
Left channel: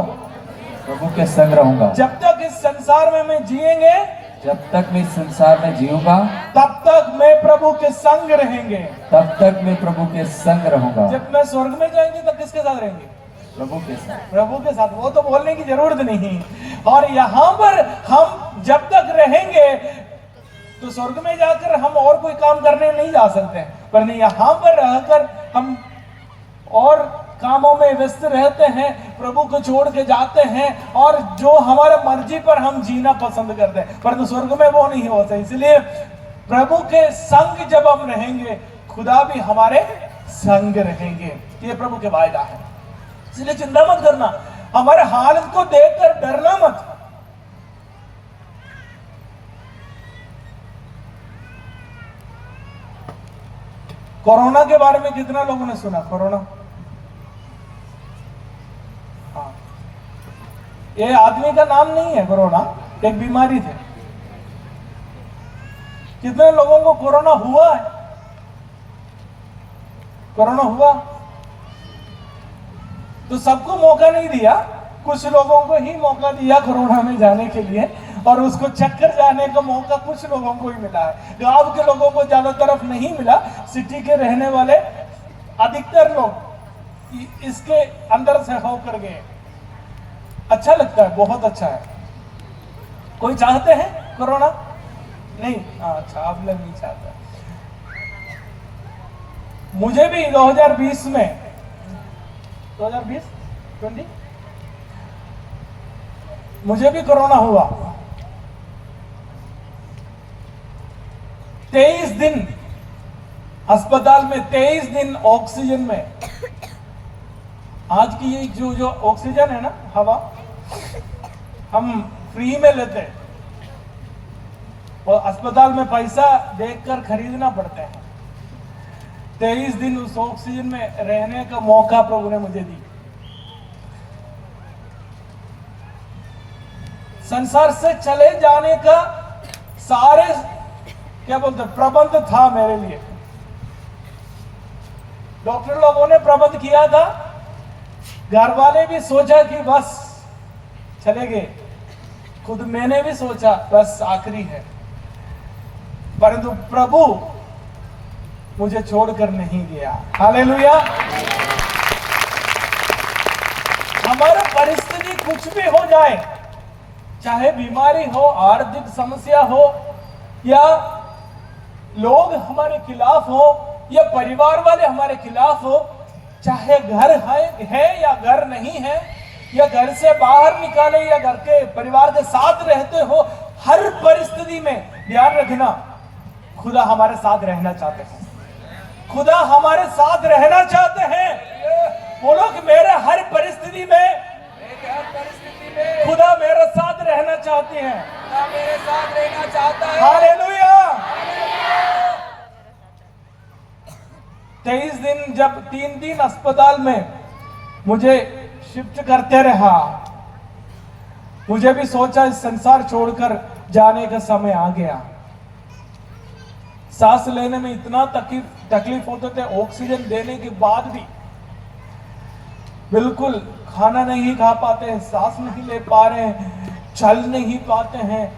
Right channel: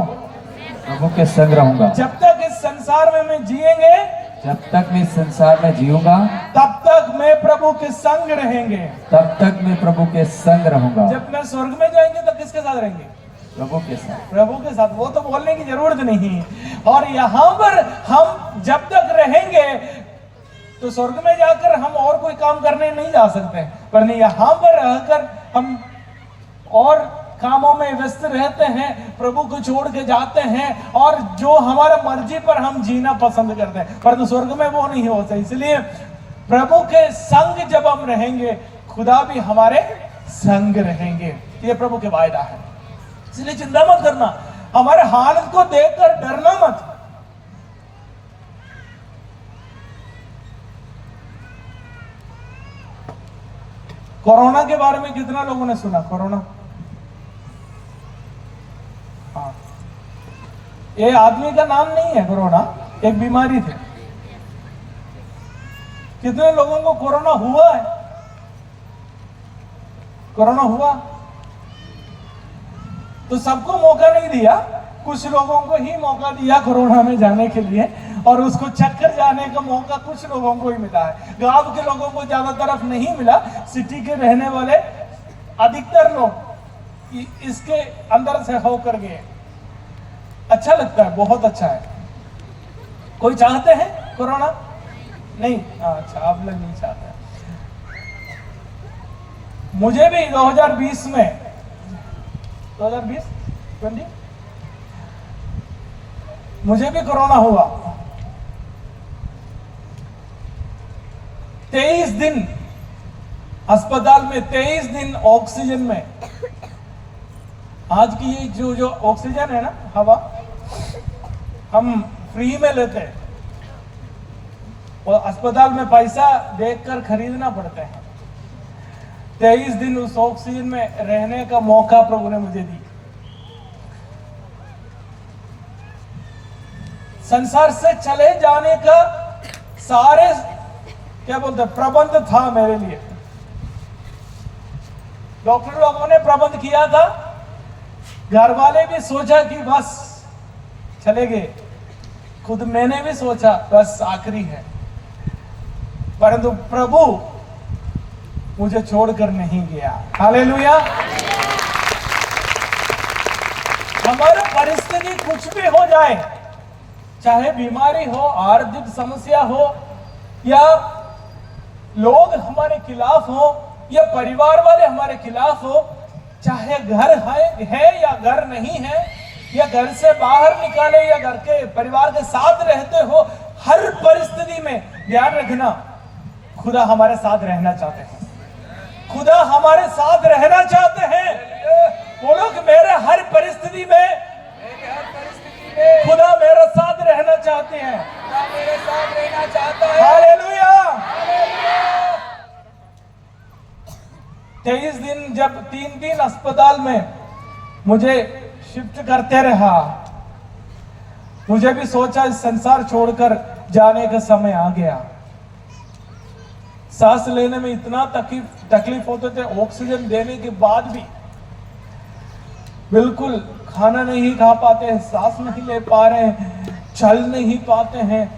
प्रभु के संग रहूंगा। जब तक इस संसार में मैं जिएंगे, जब तक मैं संसार में जीऊंगा, तब तक मैं प्रभु के संग रहेंगे। तब तक मैं प्रभु के संग रहूंगा। जब मैं स्वर्ग में जाएंगे तब किसके साथ रहेंगे? प्रभु के साथ। प्रभु के साथ। वो तो बोलने की जरूरत नहीं। और यहाँ पर हम जब तक रहेंगे तो स्वर्ग में जाकर हम और कोई काम करने नहीं जा सकते, पर नहीं यहाँ पर रहकर हम और कामों में व्यस्त रहते हैं, प्रभु को छोड़ के जाते हैं और जो हमारा मर्जी पर हम जीना पसंद करते हैं, पर तो स्वर्ग में वो नहीं होता। इसलिए प्रभु के संग जब हम रहेंगे, खुदा भी हमारे संग रहेंगे। ये प्रभु के वायदा है। इसलिए चिंता मत करना, हमारे हालत को देखकर डरना मत। कोरोना के बारे में कितने लोगों ने सुना? कोरोना, हाँ, ये आदमी का नाम नहीं है। कोरोना एक बीमारी थी। कितने लोगों को कोरोना हुआ है? कोरोना हुआ तो सबको मौका नहीं दिया, कुछ लोगों को ही मौका दिया कोरोना में जाने के लिए, और उसको चक्कर जाने का मौका कुछ लोगों को ही मिला है। गांव के लोगों को ज्यादा तरफ नहीं मिला। सिटी के रहने वाले अधिकतर लोग इसके अंदर से होकर गए। अच्छा लगता है, बहुत अच्छा है। कोई चाहते हैं कोरोना? नहीं, अच्छा, आप लोग नहीं चाहते। मुझे भी 2020 में 2020 मुझे भी कोरोना हुआ। 23 दिन अस्पताल में, 23 दिन ऑक्सीजन में। आज की ये जो ऑक्सीजन है ना, हवा, हम फ्री में लेते हैं और अस्पताल में पैसा देकर खरीदना पड़ता है। 23 दिन उस ऑक्सीजन में रहने का मौका प्रभु ने मुझे दी। संसार से चले जाने का सारे क्या बोलते प्रबंध था मेरे लिए। डॉक्टर लोगों ने प्रबंध किया था, घर वाले भी सोचा कि बस चले गए, खुद मैंने भी सोचा बस आखिरी है, परंतु प्रभु मुझे छोड़कर नहीं गया। हालेलुया। हमारी परिस्थिति कुछ भी हो जाए, चाहे बीमारी हो, आर्थिक समस्या हो, या लोग हमारे खिलाफ हो, या परिवार वाले हमारे खिलाफ हो, चाहे घर है या घर नहीं है, या घर से बाहर निकाले या घर के परिवार के साथ रहते हो, हर परिस्थिति में ध्यान रखना, खुदा हमारे साथ रहना चाहते हैं। खुदा हमारे साथ रहना चाहते हैं। बोलो कि मेरे हर परिस्थिति में खुदा मेरे साथ रहना चाहते हैं। हालेलुया। 23 दिन जब 3 दिन अस्पताल में मुझे शिफ्ट करते रहा, मुझे भी सोचा इस संसार छोड़कर जाने का समय आ गया। सांस लेने में इतना तकलीफ होते थे, ऑक्सीजन देने के बाद भी बिल्कुल खाना नहीं खा पाते हैं, सांस नहीं ले पा रहे हैं, चल नहीं पाते हैं।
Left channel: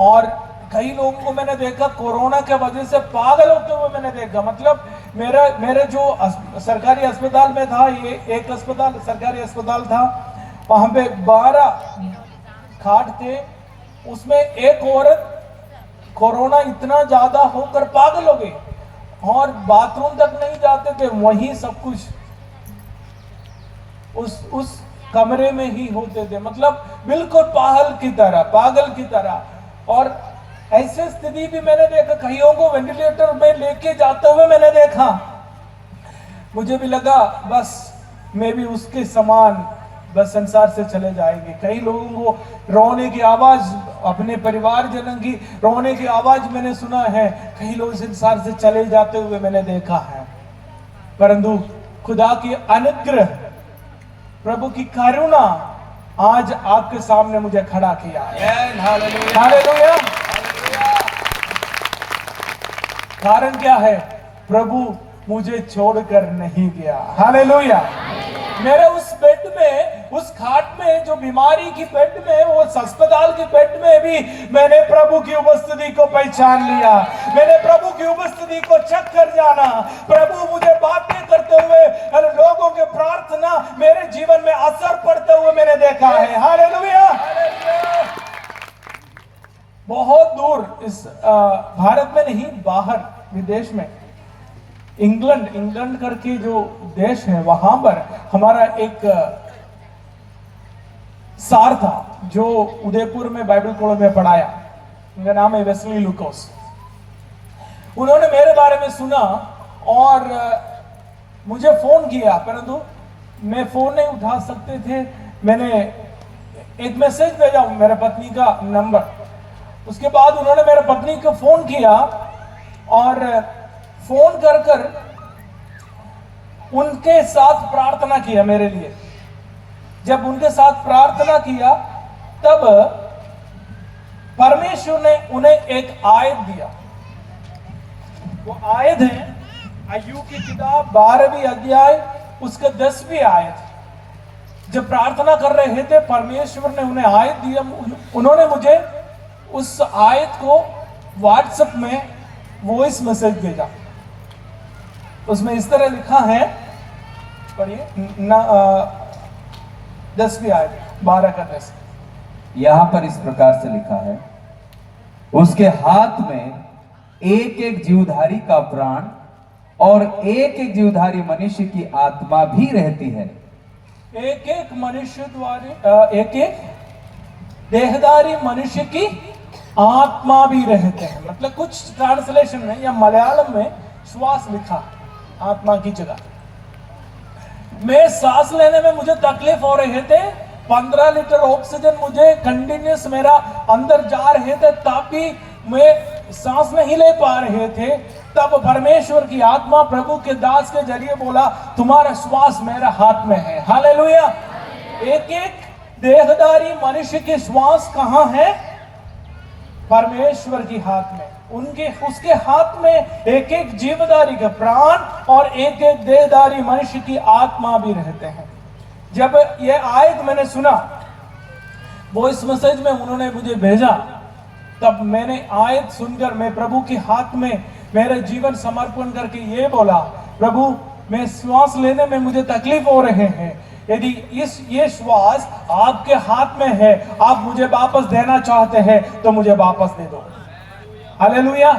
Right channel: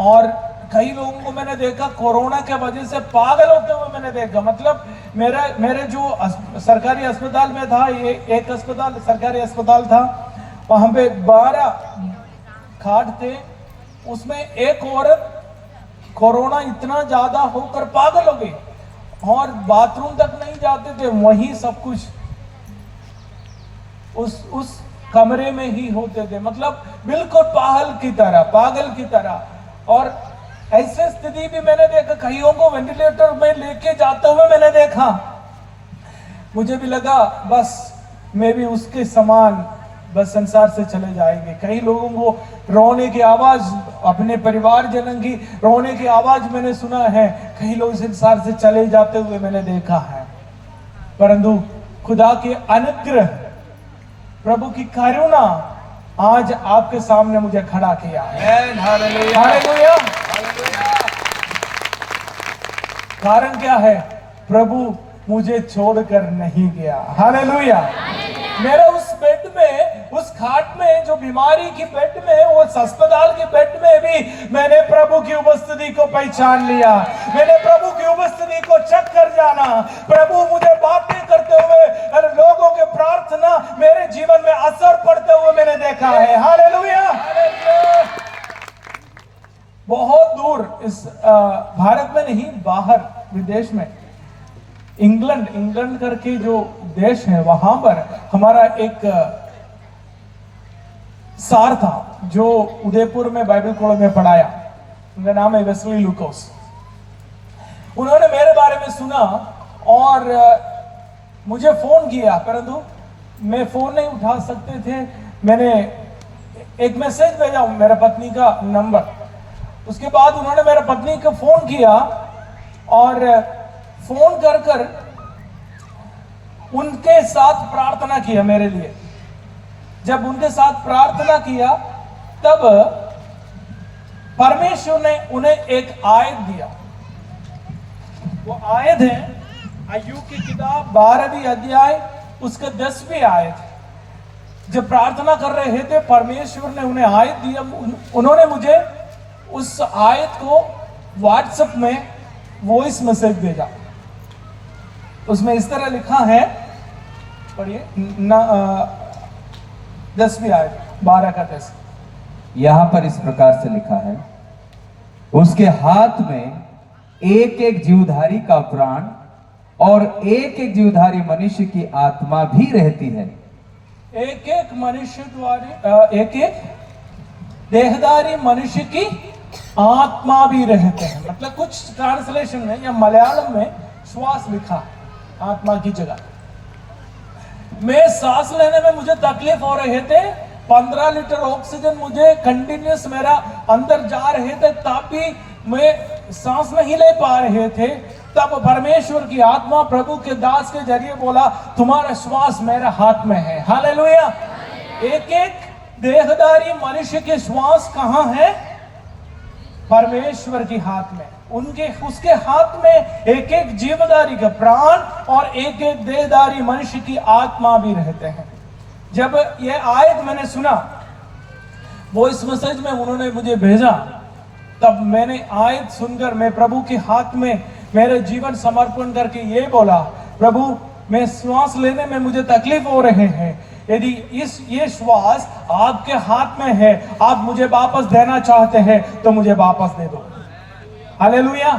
और कई लोगों को मैंने देखा कोरोना के वजह से पागल होते हुए मैंने देखा। मतलब मेरे जो सरकारी अस्पताल में था, ये एक अस्पताल सरकारी अस्पताल था, वहां पे 12 खाट थे, उसमें एक औरत कोरोना इतना ज्यादा होकर पागल हो गई और बाथरूम तक नहीं जाते थे, वहीं सब कुछ उस कमरे में ही होते थे। मतलब बिल्कुल पागल की तरह। और ऐसे स्थिति भी मैंने देखा, कईयों को वेंटिलेटर में लेके जाते हुए मैंने देखा। मुझे भी लगा बस मैं भी उसके समान बस संसार से चले जाएंगे। कई लोगों को रोने की आवाज, अपने परिवार जनों की रोने की आवाज मैंने सुना है। कई लोग संसार से चले जाते हुए मैंने देखा है, परंतु खुदा की अनुग्रह, प्रभु की करुणा आज आपके सामने मुझे खड़ा किया है। हालेलुया। कारण क्या है? प्रभु मुझे छोड़कर नहीं गया। हालेलुया। मेरे उस बेड में, उस खाट में, जो बीमारी की बेड में, उस अस्पताल की बेड में भी मैंने प्रभु की उपस्थिति को पहचान लिया। मैंने प्रभु की उपस्थिति को चेक कर जाना। प्रभु मुझे बातें करते हुए, लोगों के प्रार्थना मेरे जीवन में असर पड़ते हुए मैंने देखा है। हालेलुया। बहुत दूर, इस भारत में नहीं, बाहर विदेश में, इंग्लैंड करके जो देश है, वहां पर हमारा एक सार था जो उदयपुर में बाइबल कॉलेज में पढ़ाया। उनका नाम है वेस्ली लुकोस। उन्होंने मेरे बारे में सुना और मुझे फोन किया, परंतु मैं फोन नहीं उठा सकते थे। मैंने एक मैसेज भेजा, मेरे पत्नी का नंबर। उसके बाद उन्होंने मेरे पत्नी को फोन किया और फोन कर उनके साथ प्रार्थना किया मेरे लिए। जब उनके साथ प्रार्थना किया तब परमेश्वर ने उन्हें एक आयत दिया। वो आयत है अय्यूब की किताब 12वीं अध्याय उसका 10वीं आयत। जब प्रार्थना कर रहे थे, परमेश्वर ने उन्हें आयत दिया। उन्होंने मुझे उस आयत को व्हाट्सएप में वॉइस मैसेज भेजा। उसमें इस तरह लिखा है, पढ़िए, 10वीं आयत 12 का 10। यहां पर इस प्रकार से लिखा है, उसके हाथ में एक एक जीवधारी का प्राण और एक एक जीवधारी मनुष्य की आत्मा भी रहती है। एक एक मनुष्य द्वारा एक एक देहधारी मनुष्य की आत्मा भी रहते हैं। मतलब कुछ ट्रांसलेशन में या मलयालम में श्वास लिखा आत्मा की जगह। मैं सांस लेने में मुझे तकलीफ हो रहे थे, 15 लीटर ऑक्सीजन मुझे कंटिन्यूस मेरा अंदर जा रहे थे, तब भी मैं सांस नहीं ले पा रहे थे। तब परमेश्वर की आत्मा प्रभु के दास के जरिए बोला, तुम्हारा श्वास मेरा हाथ में है। हालेलुया। एक एक देहधारी मनुष्य के श्वास कहां है? परमेश्वर के हाथ में। उसके हाथ में एक एक जीवधारी का प्राण और एक एक देहधारी मनुष्य की आत्मा भी रहते हैं। जब ये आयत मैंने सुना, वो इस मैसेज में उन्होंने मुझे भेजा, तब मैंने आयत सुनकर मैं प्रभु के हाथ में मेरा जीवन समर्पण करके ये बोला, प्रभु मैं श्वास लेने में मुझे तकलीफ हो रहे हैं, यदि ये श्वास आपके हाथ में है, आप मुझे वापस देना चाहते हैं तो मुझे वापस दे दो। हालेलुया।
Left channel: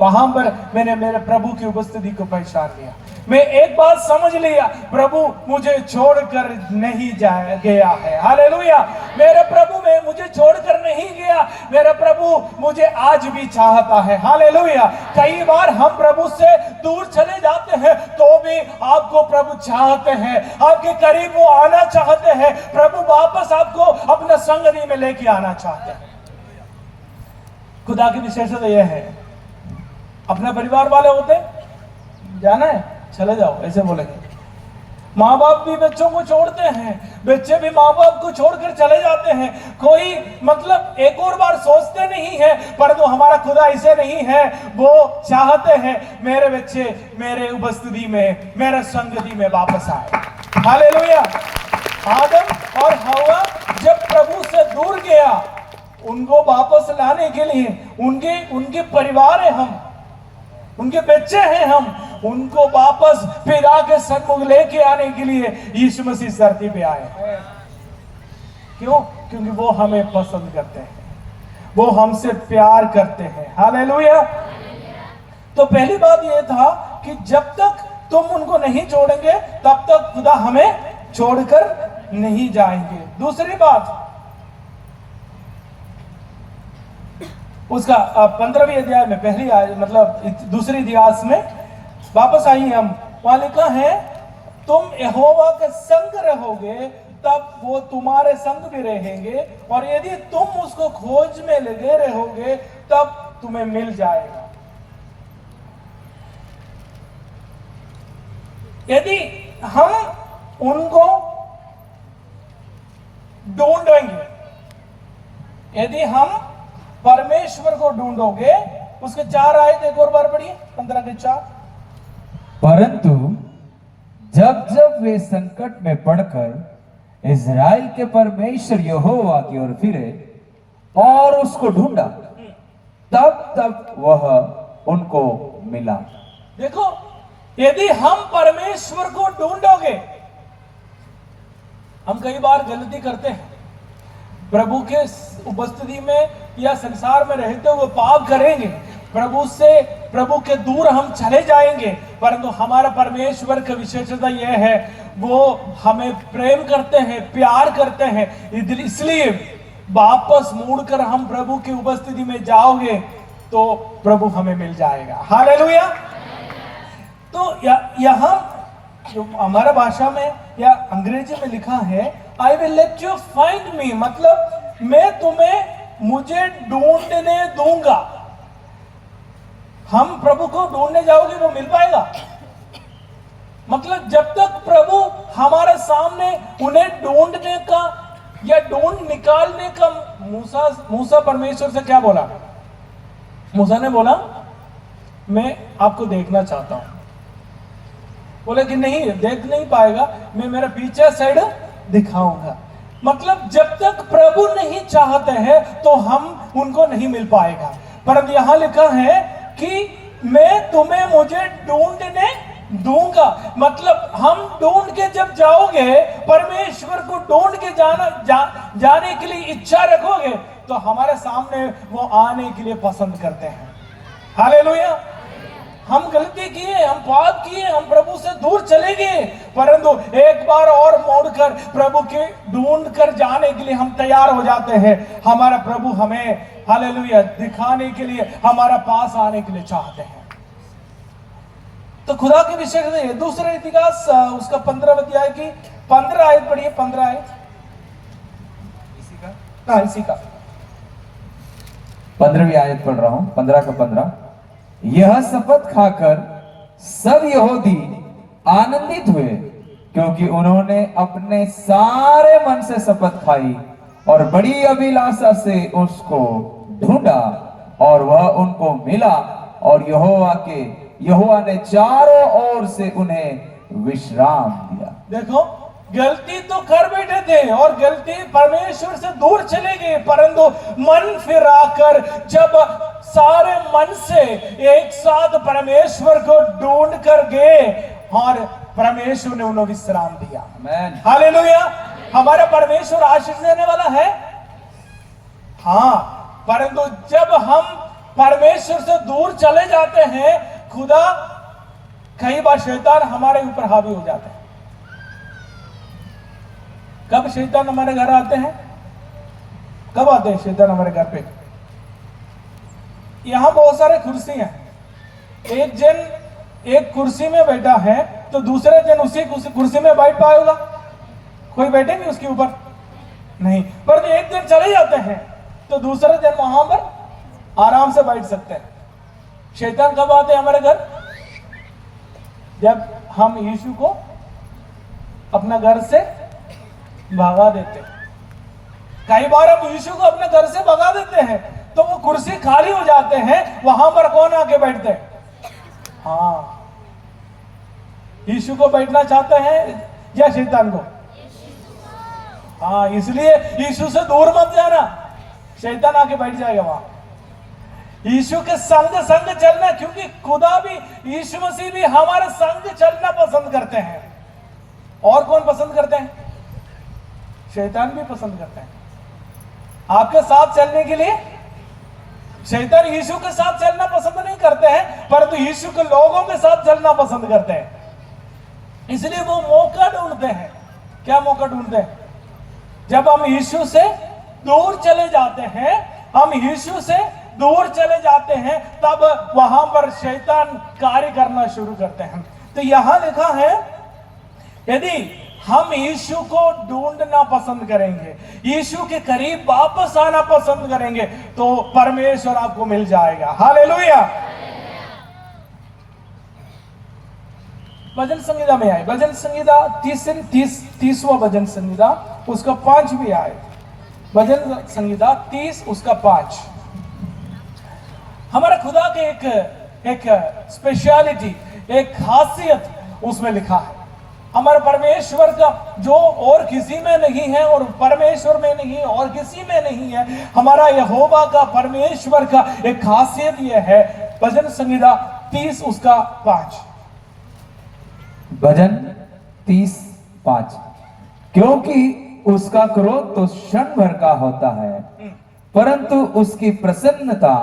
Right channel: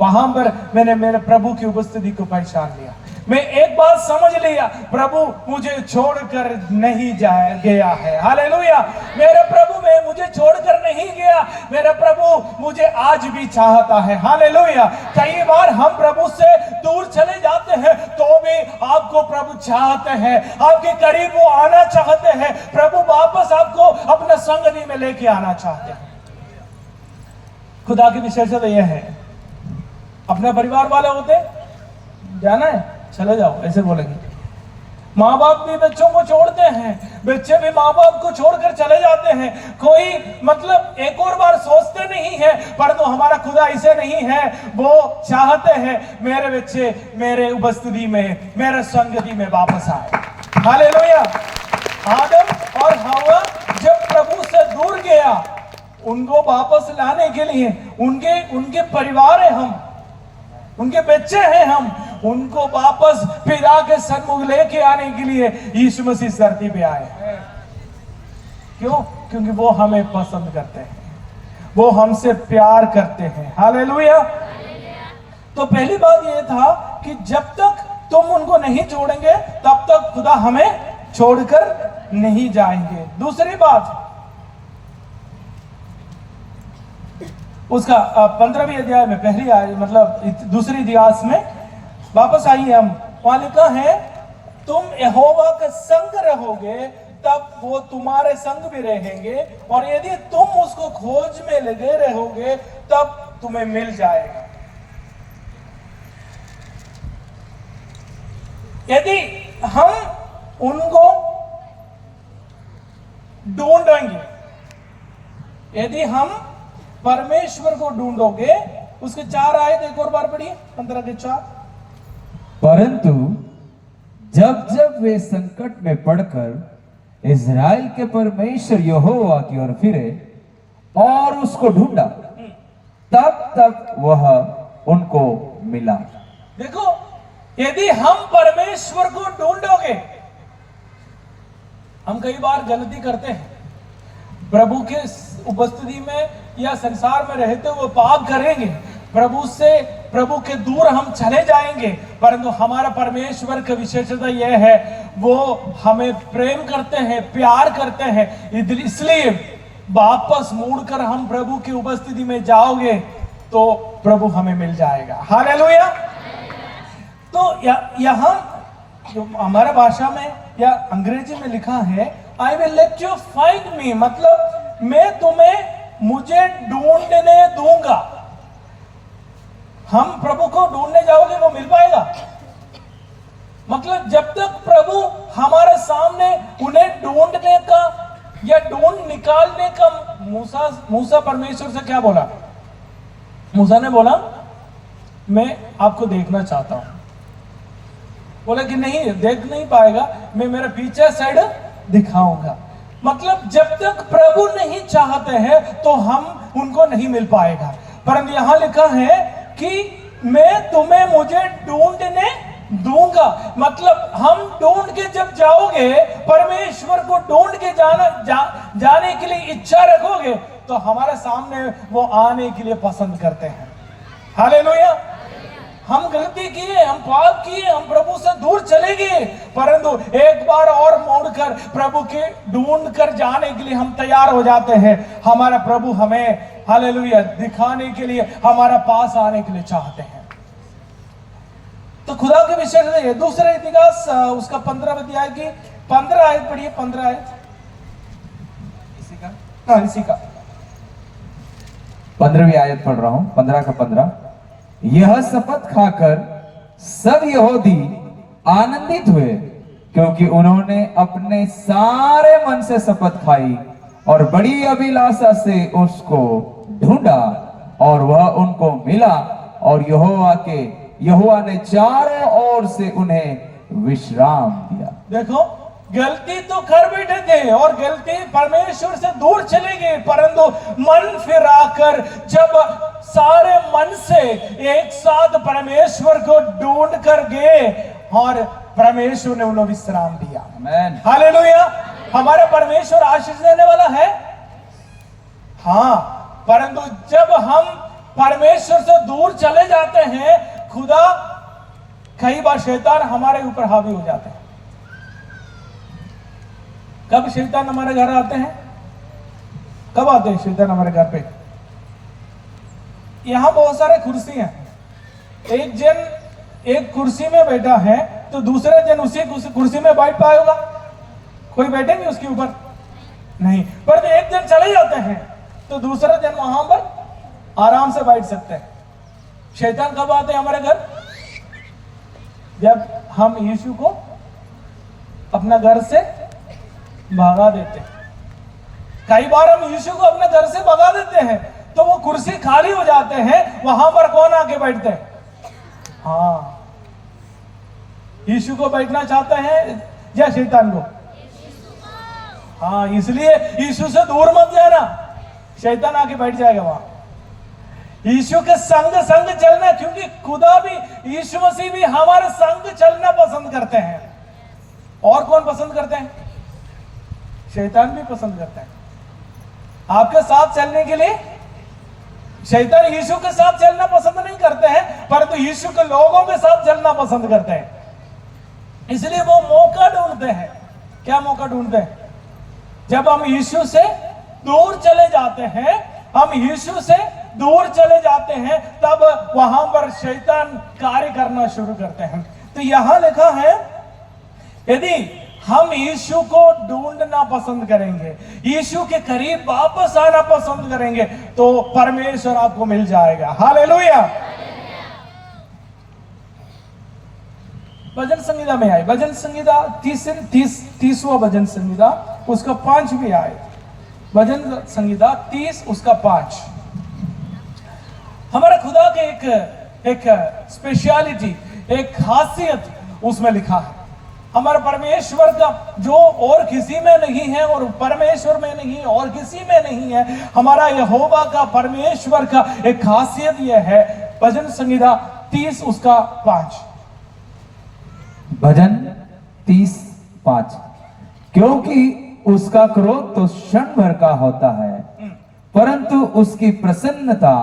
वहां पर मैंने मेरे प्रभु की उपस्थिति को पहचान लिया। मैं एक बात समझ लिया, प्रभु मुझे छोड़कर नहीं गया है। हालेलुया। मेरे प्रभु में मुझे छोड़कर नहीं गया, मेरा प्रभु मुझे आज भी चाहता है। हालेलुया। कई बार हम प्रभु से दूर चले जाते हैं तो भी आपको प्रभु चाहते हैं, आपके करीब वो आना चाहते हैं। प्रभु वापस आपको अपना संगति में लेके आना चाहते हैं। खुदा की विशेषता यह है, अपने परिवार वाले होते, जाना है चले जाओ, ऐसे बोलेंगे। माँ बाप भी बच्चों को छोड़ते हैं, बच्चे भी माँ बाप को छोड़कर चले जाते हैं। कोई मतलब एक और बार सोचते नहीं है, परंतु हमारा खुदा ऐसे नहीं है। वो चाहते हैं मेरे बच्चे मेरे उपस्थिति में, मेरे संगति में वापस आए। हालेलुया। आदम और हव्वा जब प्रभु से दूर गया, उनको वापस लाने के लिए उनके परिवार है, हम उनके बच्चे हैं, हम उनको वापस पिता के सन्मुख लेके आने के लिए यीशु मसीह धरती पे आए। क्यों? क्योंकि वो हमें पसंद करते हैं, वो हमसे प्यार करते हैं। हालेलुया। तो पहली बात यह था कि जब तक तुम उनको नहीं छोड़ेंगे तब तक खुदा हमें छोड़कर नहीं जाएंगे। दूसरी बात, उसका 15वीं अध्याय में पहली मतलब दूसरी इतिहास में वापस आइए हम, वहां लिखा है, तुम यहोवा का संग रहोगे तब वो तुम्हारे संग भी रहेंगे, और यदि तुम उसको खोज में लगे रहोगे तब तुम्हें मिल जाएगा। यदि हम उनको ढूंढेंगे, यदि हम परमेश्वर को ढूंढोगे, उसके 4 आयत एक और बार पढ़िए, 15 के 4। परंतु जब जब वे संकट में पड़कर इज़राइल के परमेश्वर यहोवा की ओर फिरे और उसको ढूंढा, तब तक वह उनको मिला। देखो, यदि हम परमेश्वर को ढूंढोगे, हम कई बार गलती करते हैं, प्रभु के उपस्थिति में या संसार में रहते हुए पाप करेंगे, प्रभु के दूर हम चले जाएंगे, परंतु हमारा परमेश्वर का विशेषता यह है, वो हमें प्रेम करते हैं, प्यार करते हैं। इसलिए वापस मुड़कर हम प्रभु की उपस्थिति में जाओगे तो प्रभु हमें मिल जाएगा। हालेलुया। तो यहां हमारा भाषा में या अंग्रेजी में लिखा है, I will let you find me, मतलब मैं तुम्हें मुझे ढूंढने दूंगा। हम प्रभु को ढूंढने जाओगे वो मिल पाएगा? मतलब जब तक प्रभु हमारे सामने, उन्हें ढूंढने का या ढूंढ निकालने का, मूसा परमेश्वर से क्या बोला? मूसा ने बोला, मैं आपको देखना चाहता हूं। बोले कि नहीं, देख नहीं पाएगा, मैं मेरा पीछे साइड दिखाऊंगा। मतलब जब तक प्रभु नहीं चाहते हैं तो हम उनको नहीं मिल पाएगा। परंतु यहां लिखा है कि मैं तुम्हें मुझे ढूंढने दूंगा। मतलब हम ढूंढ के जब जाओगे, परमेश्वर को ढूंढ के जाने के लिए इच्छा रखोगे, तो हमारे सामने वो आने के लिए पसंद करते हैं। हालेलुया। हम गलती किए, हम पाप किए, हम प्रभु से दूर चले गए, परंतु एक बार और मोड़कर प्रभु के ढूंढ कर जाने के लिए हम तैयार हो जाते हैं। हमारा प्रभु हमें हालेलुया दिखाने के लिए, हमारा पास आने के लिए चाहते हैं। तो खुदा के विषय से दूसरा इतिहास उसका 15 अध्याय की 15 आयत पढ़िए। 15 आयत इसी का 15वीं आयत पढ़ रहा हूं, 15 का 15। यह शपथ खाकर सब यहूदी आनंदित हुए, क्योंकि उन्होंने अपने सारे मन से शपथ खाई और बड़ी अभिलाषा से उसको ढूंढा, और वह उनको मिला, और यहोवा ने चारों ओर से उन्हें विश्राम दिया। देखो, गलती तो कर बैठे थे और गलती परमेश्वर से दूर चले गए, परंतु मन फिराकर जब सारे मन से एक साथ परमेश्वर को ढूंढ कर गए, और परमेश्वर ने उन्हें विश्राम दिया। आमीन। हालेलुया। हमारा परमेश्वर आशीष देने वाला है, हाँ, परंतु जब हम परमेश्वर से दूर चले जाते हैं, खुदा कई बार शैतान हमारे ऊपर हावी हो जाते हैं। कब शैतान हमारे घर आते हैं? कब आते हैं शैतान हमारे घर पे? यहां बहुत सारे कुर्सी हैं, एक जन एक कुर्सी में बैठा है, तो दूसरा जन उसी कुर्सी में बैठ पाएगा? कोई बैठेंगे उसके ऊपर? नहीं। पर तो एक जन चले जाते हैं, तो दूसरा जन वहां पर आराम से बैठ सकते हैं। शैतान कब आते हैं हमारे घर? जब हम यीशु को अपना घर से भगा देते हैं। कई बार हम यीशु को अपने घर से भगा देते हैं, तो वो कुर्सी खाली हो जाते हैं, वहां पर कौन आके बैठते हैं? हाँ, यीशु को बैठना चाहते हैं या शैतान को? हाँ, इसलिए यीशु से दूर मत जाना, शैतान आके बैठ जाएगा वहां। यीशु के संग चलना, क्योंकि खुदा भी, यीशु मसीह भी हमारे संग चलना पसंद करते हैं। और कौन पसंद करते हैं? शैतान भी पसंद करते हैं आपके साथ चलने के लिए। शैतान यीशु के साथ चलना पसंद नहीं करते हैं, परंतु यीशु के लोगों के साथ चलना पसंद करते हैं। इसलिए वो मौका ढूंढते हैं। क्या मौका ढूंढते हैं? जब हम यीशु से दूर चले जाते हैं, हम यीशु से दूर चले जाते हैं, तब वहां पर शैतान कार्य करना शुरू करते हैं। तो यहां लिखा है, यदि हम यीशु को ढूंढना पसंद करेंगे, यीशु के करीब वापस आना पसंद करेंगे, तो परमेश्वर आपको मिल जाएगा। हालेलुया। भजन संहिता में आए, भजन संहिता 30वां भजन संहिता उसका 5वीं आए, भजन संहिता 30 उसका 5। हमारा खुदा के एक स्पेशलिटी, एक खासियत उसमें लिखा है। हमारे परमेश्वर का जो और किसी में नहीं है, और परमेश्वर में नहीं है, और किसी में नहीं है, हमारा यहोवा का, परमेश्वर का एक खासियत यह है। भजन संहिता 30 उसका 5। भजन 30:5। क्योंकि उसका क्रोध तो क्षण भर का होता है, परंतु उसकी प्रसन्नता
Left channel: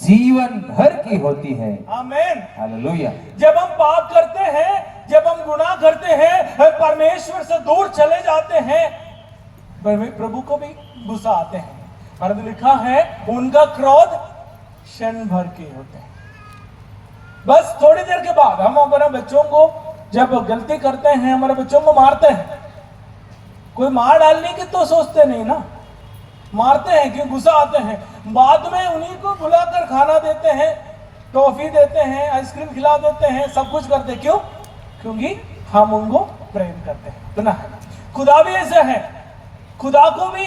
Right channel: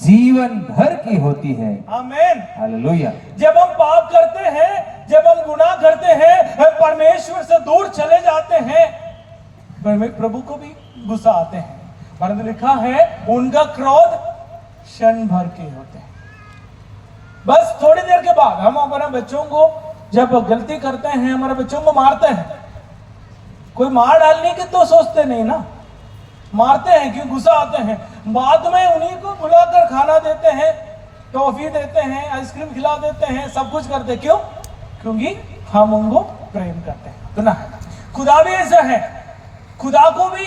जीवन भर की होती है। आमीन। हालेलुया। जब हम पाप करते हैं, जब हम गुनाह करते हैं, हम परमेश्वर से दूर चले जाते हैं, प्रभु को भी गुस्सा आते हैं, परंतु लिखा है उनका क्रोध क्षण भर के होते हैं। बस थोड़ी देर के बाद हम अपने बच्चों को जब गलती करते हैं, हमारे बच्चों को मारते हैं, कोई मार डालने की तो सोचते नहीं ना, मारते हैं क्यों? गुस्सा आते हैं। बाद में उन्हीं को बुलाकर खाना देते हैं, टॉफी देते हैं, आइसक्रीम खिला देते हैं, सब कुछ करते हैं। क्यों? क्योंकि हम उनको प्रेम करते हैं। तो ना, खुदा भी ऐसा है, खुदा को भी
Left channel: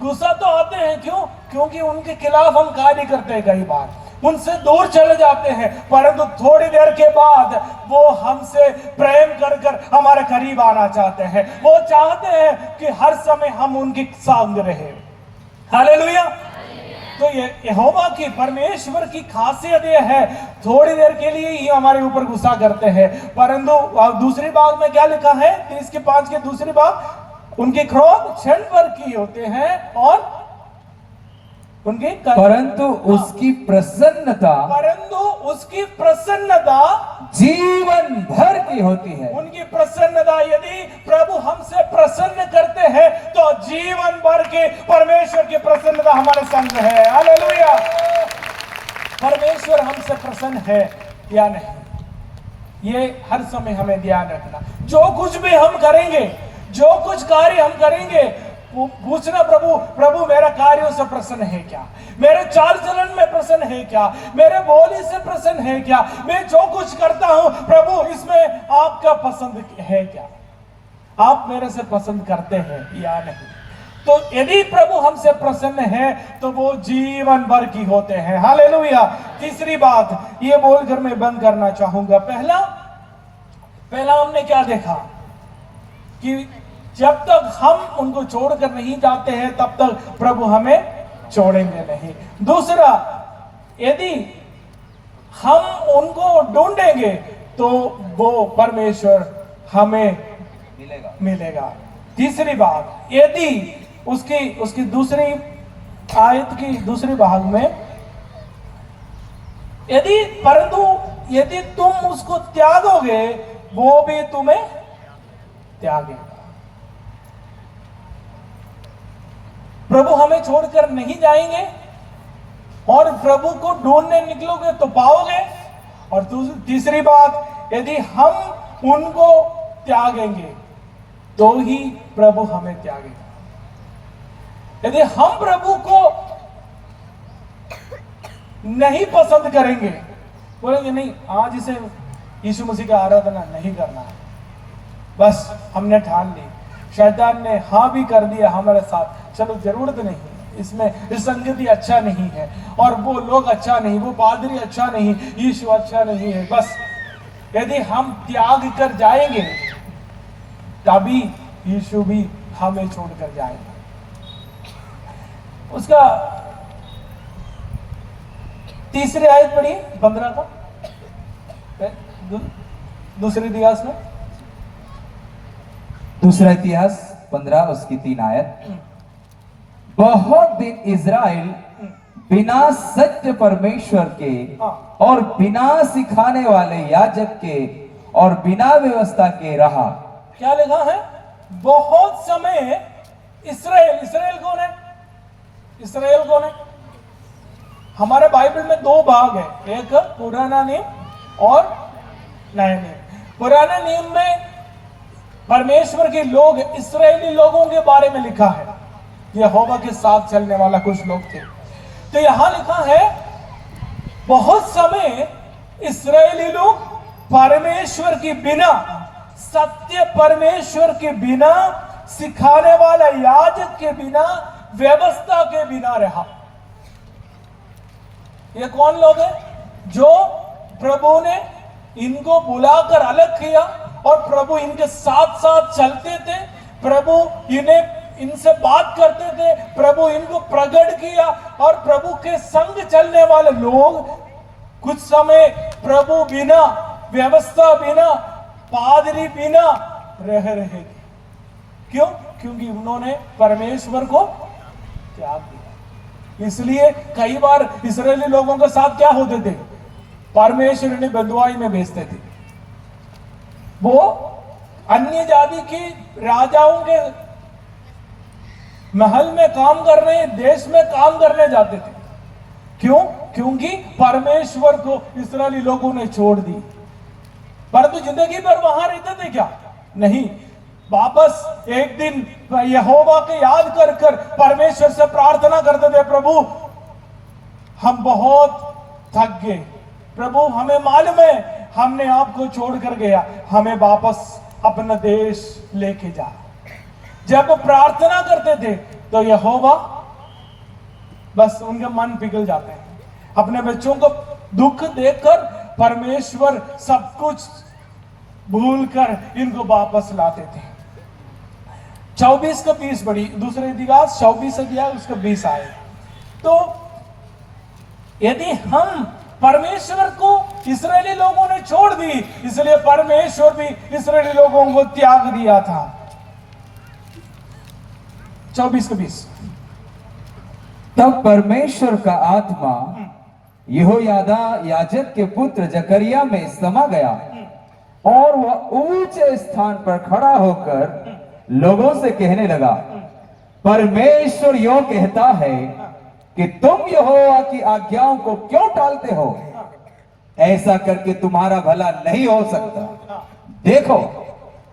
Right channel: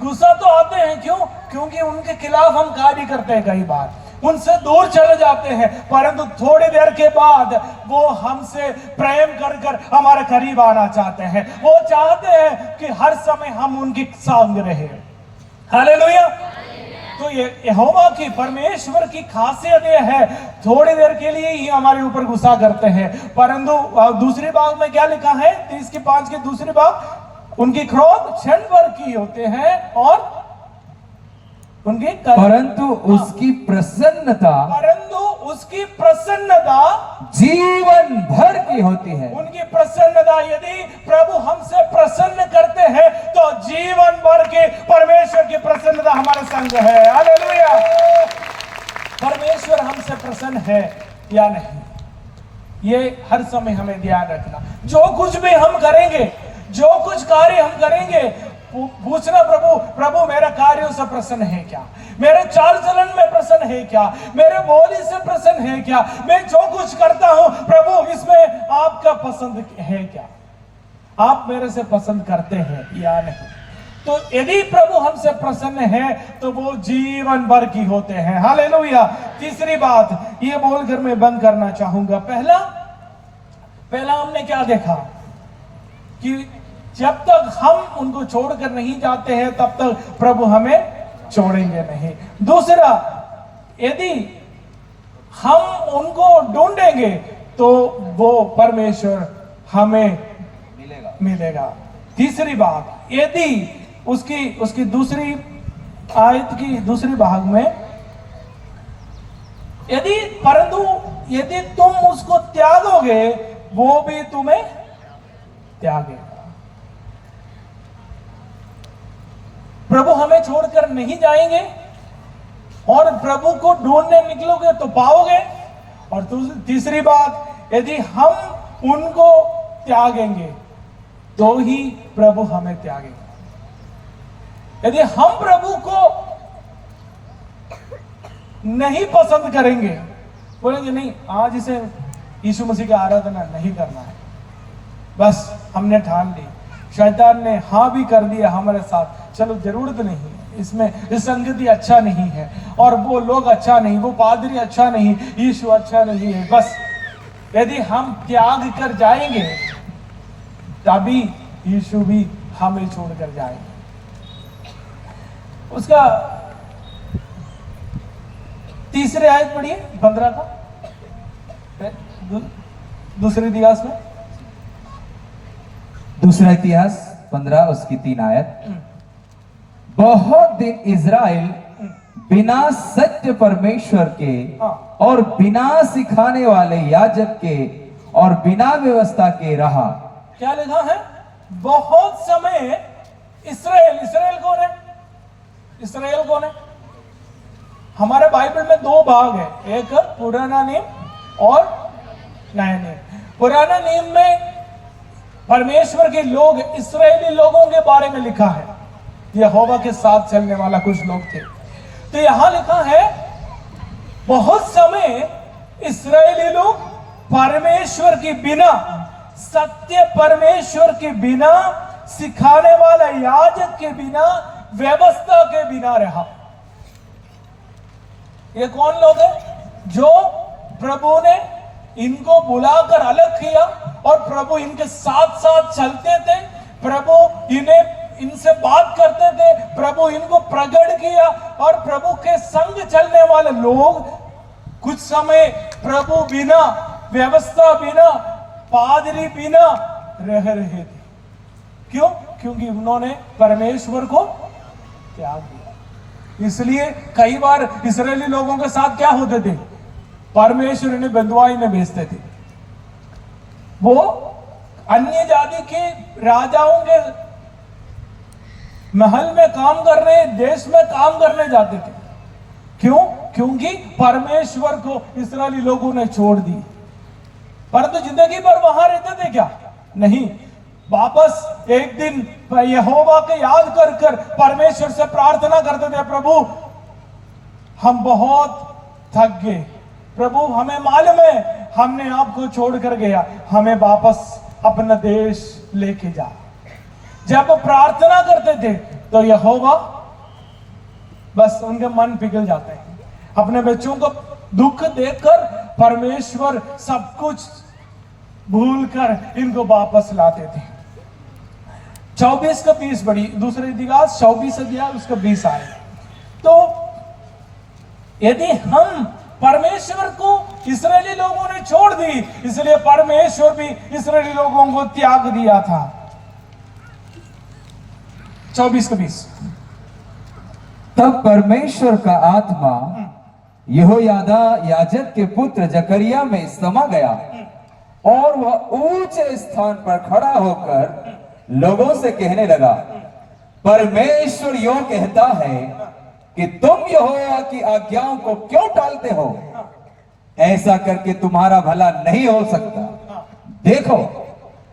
गुस्सा तो आते हैं। क्यों? क्योंकि उनके खिलाफ हम कार्य करते हैं, कई बार उनसे दूर चले जाते हैं, परंतु थोड़ी देर के बाद वो हमसे प्रेम कर कर हमारे करीब आना चाहते हैं। वो चाहते हैं कि हर समय हम उनके संग रहे। हालेलुया। तो ये यहोवा की परमेश्वर की खासियत ये है, थोड़ी देर के लिए ही हमारे ऊपर गुस्सा करते हैं, परंतु दूसरी बात में क्या लिखा है 30:5 की दूसरी बात, उनके क्रोध क्षण भर की होते हैं और उनके परंतु उसकी प्रसन्नता जीवन भर की होती है। उनकी प्रसन्नता, यदि प्रभु हमसे प्रसन्न करते हैं तो जीवन भर की परमेश्वर की प्रसन्नता हमारे संग है। हालेलुया। परमेश्वर हमसे प्रसन्न है या नहीं, ये हर समय हमें ध्यान रखना। जो कुछ भी हम करेंगे, जो कुछ कार्य हम करेंगे, पूछना प्रभु मेरा कार्यों से प्रसन्न है क्या, मेरे चाल चलन में प्रसन्न है क्या, मेरे बोली से प्रसन्न है क्या, मैं जो कुछ करता हूं प्रभु इसमें आपका पसंद है क्या, आप मेरे से पसंद करते हैं या नहीं। तो यदि प्रभु हमसे प्रसन्न है तो वो जीवन भर की होते हैं। हालेलुया। तीसरी बात ये बोलकर मैं बंद करना चाहूंगा। पहला हमने क्या देखा कि जब तक हम उनको छोड़कर नहीं जाते हैं तब तक प्रभु हमें छोड़ेंगे नहीं। दूसरा, यदि हम उनको ढूंढेंगे तो वो परमेश्वर हमें मिलेगा। तीसरी बात, यदि उसकी दूसरी आयत की दूसरी भाग में, यदि तुम उसको त्यागोगे वो भी तुम्हें त्यागेगा। प्रभु हमें छोड़कर नहीं जाएंगे और प्रभु को ढूंढने निकलोगे तो पाओगे। और तीसरी बात, यदि हम उनको त्यागेंगे तो ही प्रभु हमें त्यागेगा। यदि हम प्रभु को नहीं पसंद करेंगे, बोलेंगे नहीं आज इसे यीशु मसीह की आराधना नहीं करना है, बस हमने ठान ली, शैतान ने हाँ भी कर दिया हमारे साथ, चलो जरूरत नहीं, इसमें इस संगति अच्छा नहीं है और वो लोग अच्छा नहीं, वो पादरी अच्छा नहीं, यीशु अच्छा नहीं है, बस यदि हम त्याग कर जाएंगे तभी यीशु भी हमें छोड़कर जाएंगे। उसका तीसरे आयत पढ़िए 15 का, दूसरे इतिहास में, दूसरा इतिहास 15 उसकी 3 आयत। बहुत दिन इज़राइल बिना सत्य परमेश्वर के और बिना सिखाने वाले याजक के और बिना व्यवस्था के रहा। क्या लिखा है? बहुत समय इस्राएल कौन है? इस्राएल कौन है? हमारे बाइबल में 2 भाग है, एक पुराना नियम और नया नियम। पुराना नियम में परमेश्वर के लोग, इस्राएली लोगों के बारे में लिखा है, यहोवा के साथ चलने वाला कुछ लोग थे। तो यहां लिखा है बहुत समय इस्राएली लोग परमेश्वर के बिना, सत्य परमेश्वर के बिना, सिखाने वाला याजक के बिना, व्यवस्था के बिना रहा। ये कौन लोग हैं? जो प्रभु ने इनको बुलाकर अलग किया और प्रभु इनके साथ साथ चलते थे, प्रभु इनसे बात करते थे, प्रभु इनको प्रकट किया और प्रभु के संग चलने वाले लोग कुछ समय प्रभु बिना, व्यवस्था बिना, पादरी बिना रह रहे थे। क्यों? क्योंकि उन्होंने परमेश्वर को त्याग दिया। इसलिए कई बार इस्राएली लोगों के साथ क्या होते थे? परमेश्वर इन्हें बंधुआई में भेजते थे। वो अन्य जाति के राजाओं के महल में काम करने, देश में काम करने जाते थे। क्यों? क्योंकि परमेश्वर को इस्राएली लोगों ने छोड़ दी। परंतु जिंदगी भर वहां रहते थे क्या? नहीं। वापस एक दिन यहोवा के याद कर कर परमेश्वर से प्रार्थना करते थे, प्रभु हम बहुत थक गए, प्रभु हमें मालूम है हमने आपको छोड़कर गया, हमें वापस अपना देश लेके जा। जब प्रार्थना करते थे तो यहोवा बस उनके मन पिघल जाते हैं। अपने बच्चों को दुख देखकर परमेश्वर सब कुछ भूलकर इनको वापस लाते थे। 24 का 20 बड़ी, दूसरे इतिहास 24 अध्याय उसका 20 आए। तो यदि हम परमेश्वर को इस्राएली लोगों ने छोड़ दी, इसलिए परमेश्वर भी इस्राएली लोगों को त्याग दिया था। 24-20। तब परमेश्वर का आत्मा यहोयादा याजक के पुत्र जकरिया में समा गया और वह ऊंचे स्थान पर खड़ा होकर लोगों से कहने लगा, परमेश्वर यो कहता है कि तुम यहोवा की आज्ञाओं को क्यों टालते हो? ऐसा करके तुम्हारा भला नहीं हो सकता। देखो,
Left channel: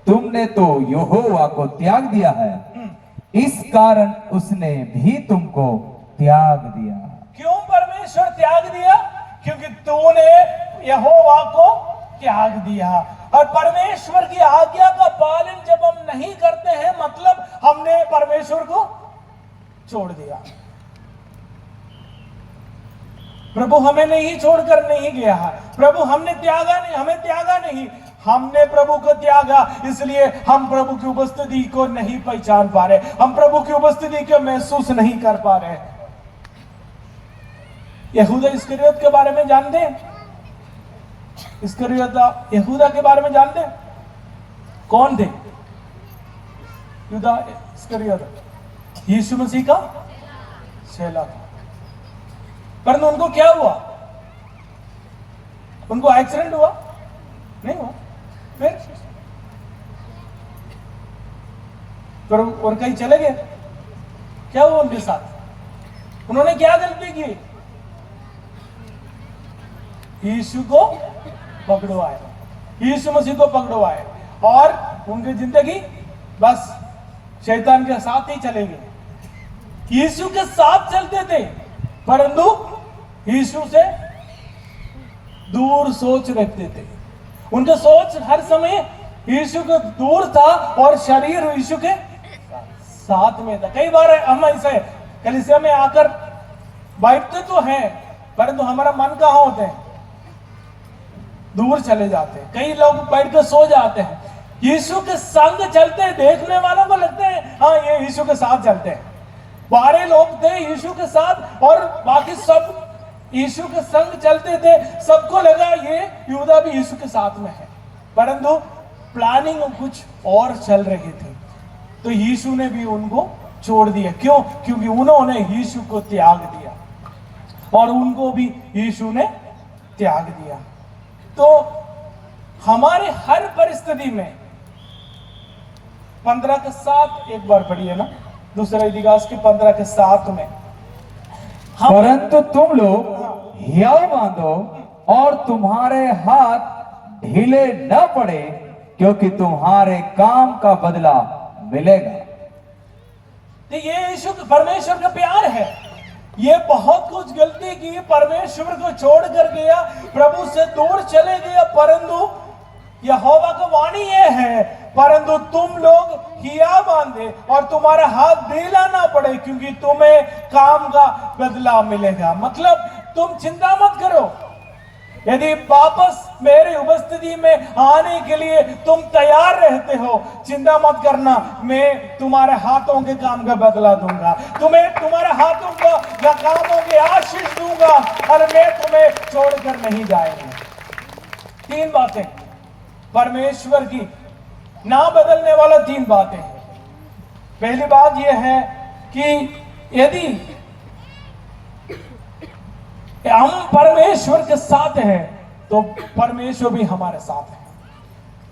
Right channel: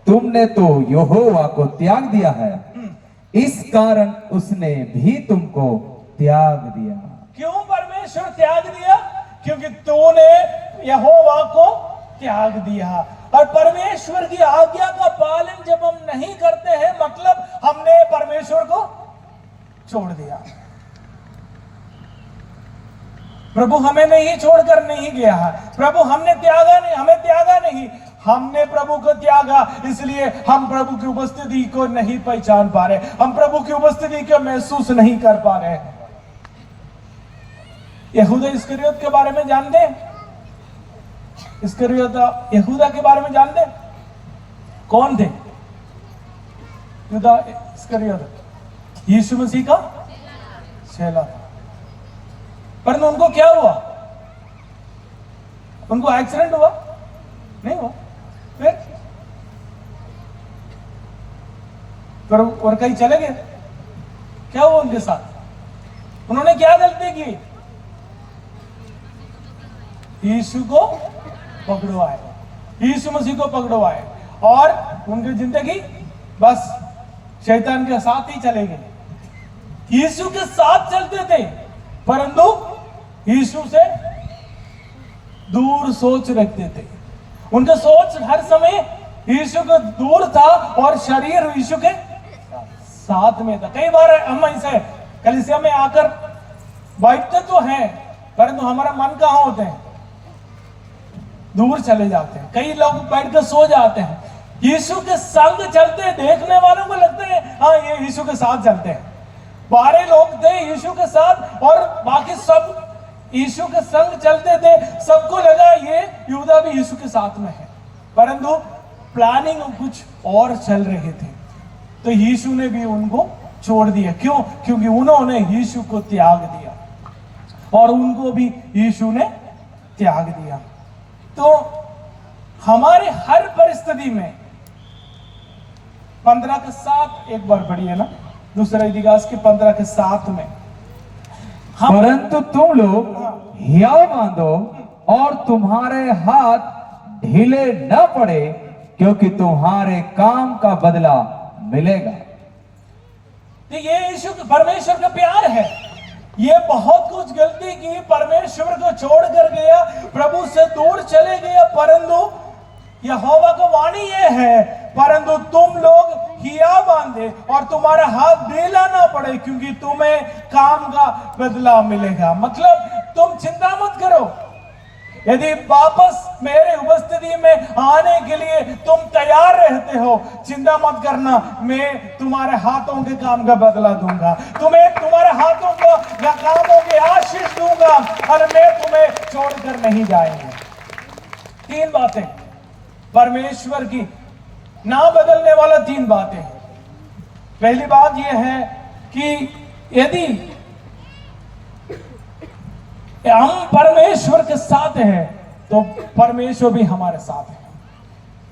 तुमने तो यहोवा को त्याग दिया है, इस कारण उसने भी तुमको त्याग दिया। क्यों परमेश्वर त्याग दिया? क्योंकि तूने यहोवा को त्याग दिया। और परमेश्वर की आज्ञा का पालन जब हम नहीं करते हैं, मतलब हमने परमेश्वर को छोड़ दिया। प्रभु हमें नहीं छोड़कर नहीं गया है, प्रभु हमने त्यागा नहीं, हमें त्यागा नहीं, हमने प्रभु को त्यागा। इसलिए हम प्रभु की उपस्थिति को नहीं पहचान पा रहे, हम प्रभु की उपस्थिति को महसूस नहीं कर पा रहे। यहूदा इस्करियोत के बारे में जानते हैं? यहूदा के बारे में जानते हैं? कौन थे यहूदा इस्करियोत? यीशु मसीह का चेला। परंतु उनको क्या हुआ? उनको एक्सीडेंट हुआ? नहीं हुआ। फिर और कहीं चले गए। क्या हुआ उनके साथ? उन्होंने क्या गलती की? यीशु को पकड़वाए, यीशु मसीह को पकड़वाए और उनकी जिंदगी बस शैतान के साथ ही चले गए। यीशु के साथ चलते थे परंतु यीशु से दूर सोच रखते थे। उनका सोच हर समय यीशु को दूर था और शरीर यीशु के साथ में था। कई बार हम ऐसे कलीसिया में आकर बैठते तो हैं परंतु हमारा मन कहाँ होते हैं? दूर चले जाते हैं। कई लोग बैठ के सो जाते हैं। यीशु के संग चलते हैं, देखने वालों को लगता है हाँ ये यीशु के साथ चलते हैं। 12 लोग थे यीशु के साथ और बाकी सब यीशु के संग चलते थे। सबको लगा ये यहूदा भी यीशु के साथ में है, परंतु प्लानिंग कुछ और चल रहे थे। तो यीशु ने भी उनको छोड़ दिया। क्यों? क्योंकि उन्होंने यीशु को त्याग दिया और उनको भी यीशु ने त्याग दिया। तो हमारे हर परिस्थिति में 15:7 एक बार पढ़िए ना, दूसरे इतिहास के 15:7 में, परंतु तुम लोग हियाव बांधो और तुम्हारे हाथ ढीले न पड़े, क्योंकि तुम्हारे काम का बदला मिलेगा। तो ये यीशु परमेश्वर का प्यार है। ये बहुत कुछ गलती की, परमेश्वर को छोड़ कर गया, प्रभु से दूर चले गया, परंतु यहोवा को वाणी ये है, परंतु तुम लोग हिया बांधे और तुम्हारा हाथ ढीला ना पड़े, क्योंकि तुम्हें काम का बदला मिलेगा। मतलब तुम चिंता मत करो। यदि वापस मेरे उपस्थिति में आने के लिए तुम तैयार रहते हो, चिंता मत करना, मैं तुम्हारे हाथों के काम का बदला दूंगा, तुम्हें तुम्हारे हाथों को कामों की आशीष दूंगा और मैं तुम्हें छोड़कर नहीं जाएंगे। 3 बातें परमेश्वर की ना बदलने वाला 3 बातें। पहली बात यह है कि यदि हम परमेश्वर के साथ हैं तो परमेश्वर भी हमारे साथ है।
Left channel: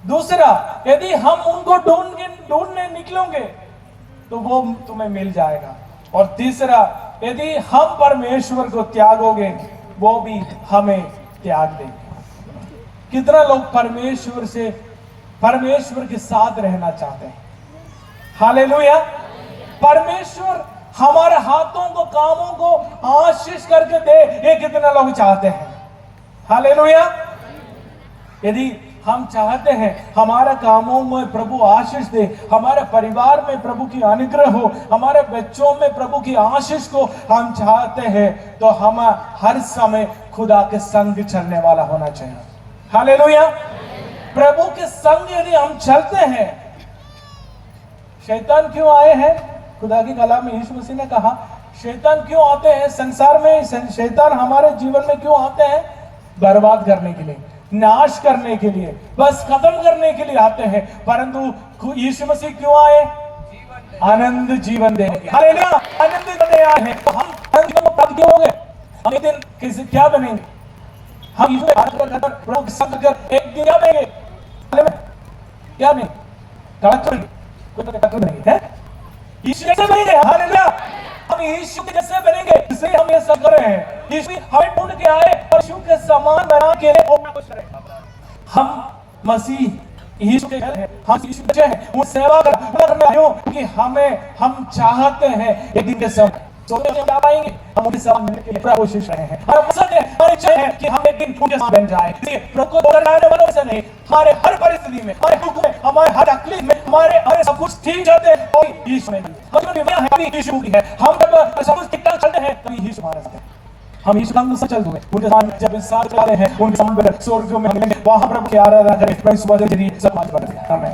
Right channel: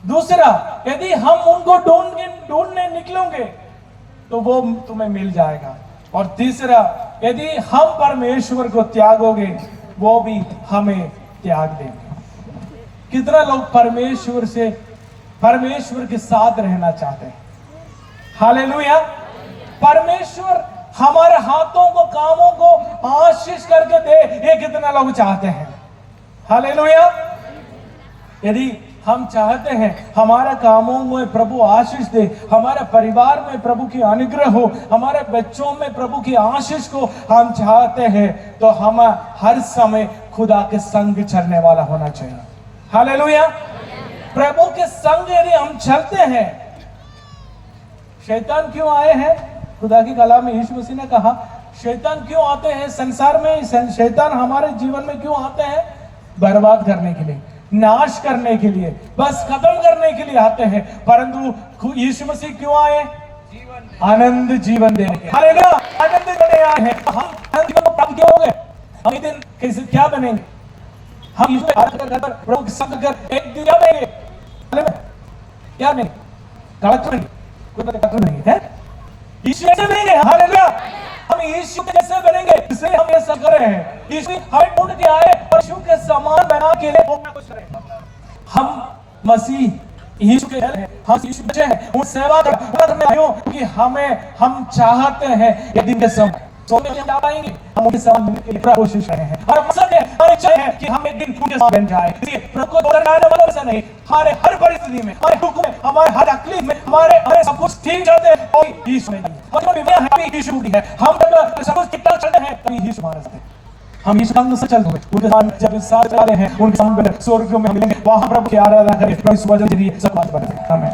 दूसरा, यदि हम उनको ढूंढने निकलोगे तो वो तुम्हें मिल जाएगा। और तीसरा, यदि हम परमेश्वर को त्यागोगे वो भी हमें त्याग देंगे। कितने लोग परमेश्वर के साथ रहना चाहते हैं? हालेलुया। परमेश्वर हमारे हाथों को, कामों को आशीष करके दे, ये कितने लोग चाहते हैं? हालेलुया। यदि हम चाहते हैं हमारे कामों में प्रभु आशीष दे, हमारे परिवार में प्रभु की अनुग्रह हो, हमारे बच्चों में प्रभु की आशीष को हम चाहते हैं, तो हम हर समय खुदा के संग चलने वाला होना चाहिए। हालेलुया। प्रभु के संग यदि हम चलते हैं, शैतान क्यों आए हैं? खुदा की कलाम में यीशु मसीह ने कहा शैतान क्यों आते हैं संसार में? शैतान हमारे जीवन में क्यों आते हैं? बर्बाद करने के लिए, नाश करने के लिए, बस खत्म करने के लिए आते हैं। परंतु यीशु मसीह क्यों आए? आनंद जीवन देने के। हालेलुया, आनंद देने आए हैं। तो हम आनंद जीवन को प्राप्त क्यों होंगे? हम एक दिन कैसे क्या बनेंगे? हम यीशु के हाथ पर प्रभु के संग कर एक दिन क्या बनेंगे? क्या बनेंगे? कलेक्टर बनेंगे, कोई कलेक्टर बनेंगे हैं? यीशु कैसे बनेंगे? हालेलुया, हम यीशु के जैसे बनेंगे, इसलिए हम ये सब कर रहे हैं। यीशु हमें ढूंढ के आए और यीशु के समान बना के वो खुश रहे। हम मसीह यीशु के हैं, हम यीशु बच्चे हैं, वो सेवा करने आए हो कि हम चाहते हैं एक दिन के समय सोने में जा पाएंगे, हम उनके साथ मिलने के लिए पूरा कोशिश रहे हैं। और मकसद है, हमारी इच्छा है कि हम एक दिन उनके साथ बन जाए। इसलिए प्रभु को दोहराने वालों से नहीं, हमारे हर परिस्थिति में, हमारे दुख में, हमारे हर तकलीफ में, हमारे सब कुछ ठीक चलते हैं तो यीशु में हम जब बीमार है अभी यीशु की है, हम जब सब कुछ ठीक ठाक चलते हैं तभी यीशु हमारे साथ है। हम यीशु का अनुसार चलते हुए उनके साथ जब इस साथ चलते हैं, उनके साथ स्वर्ग में मिलेंगे, वहां प्रभु की आराधना करें, प्रभु सुबह जल्दी सब बात करें। आमीन।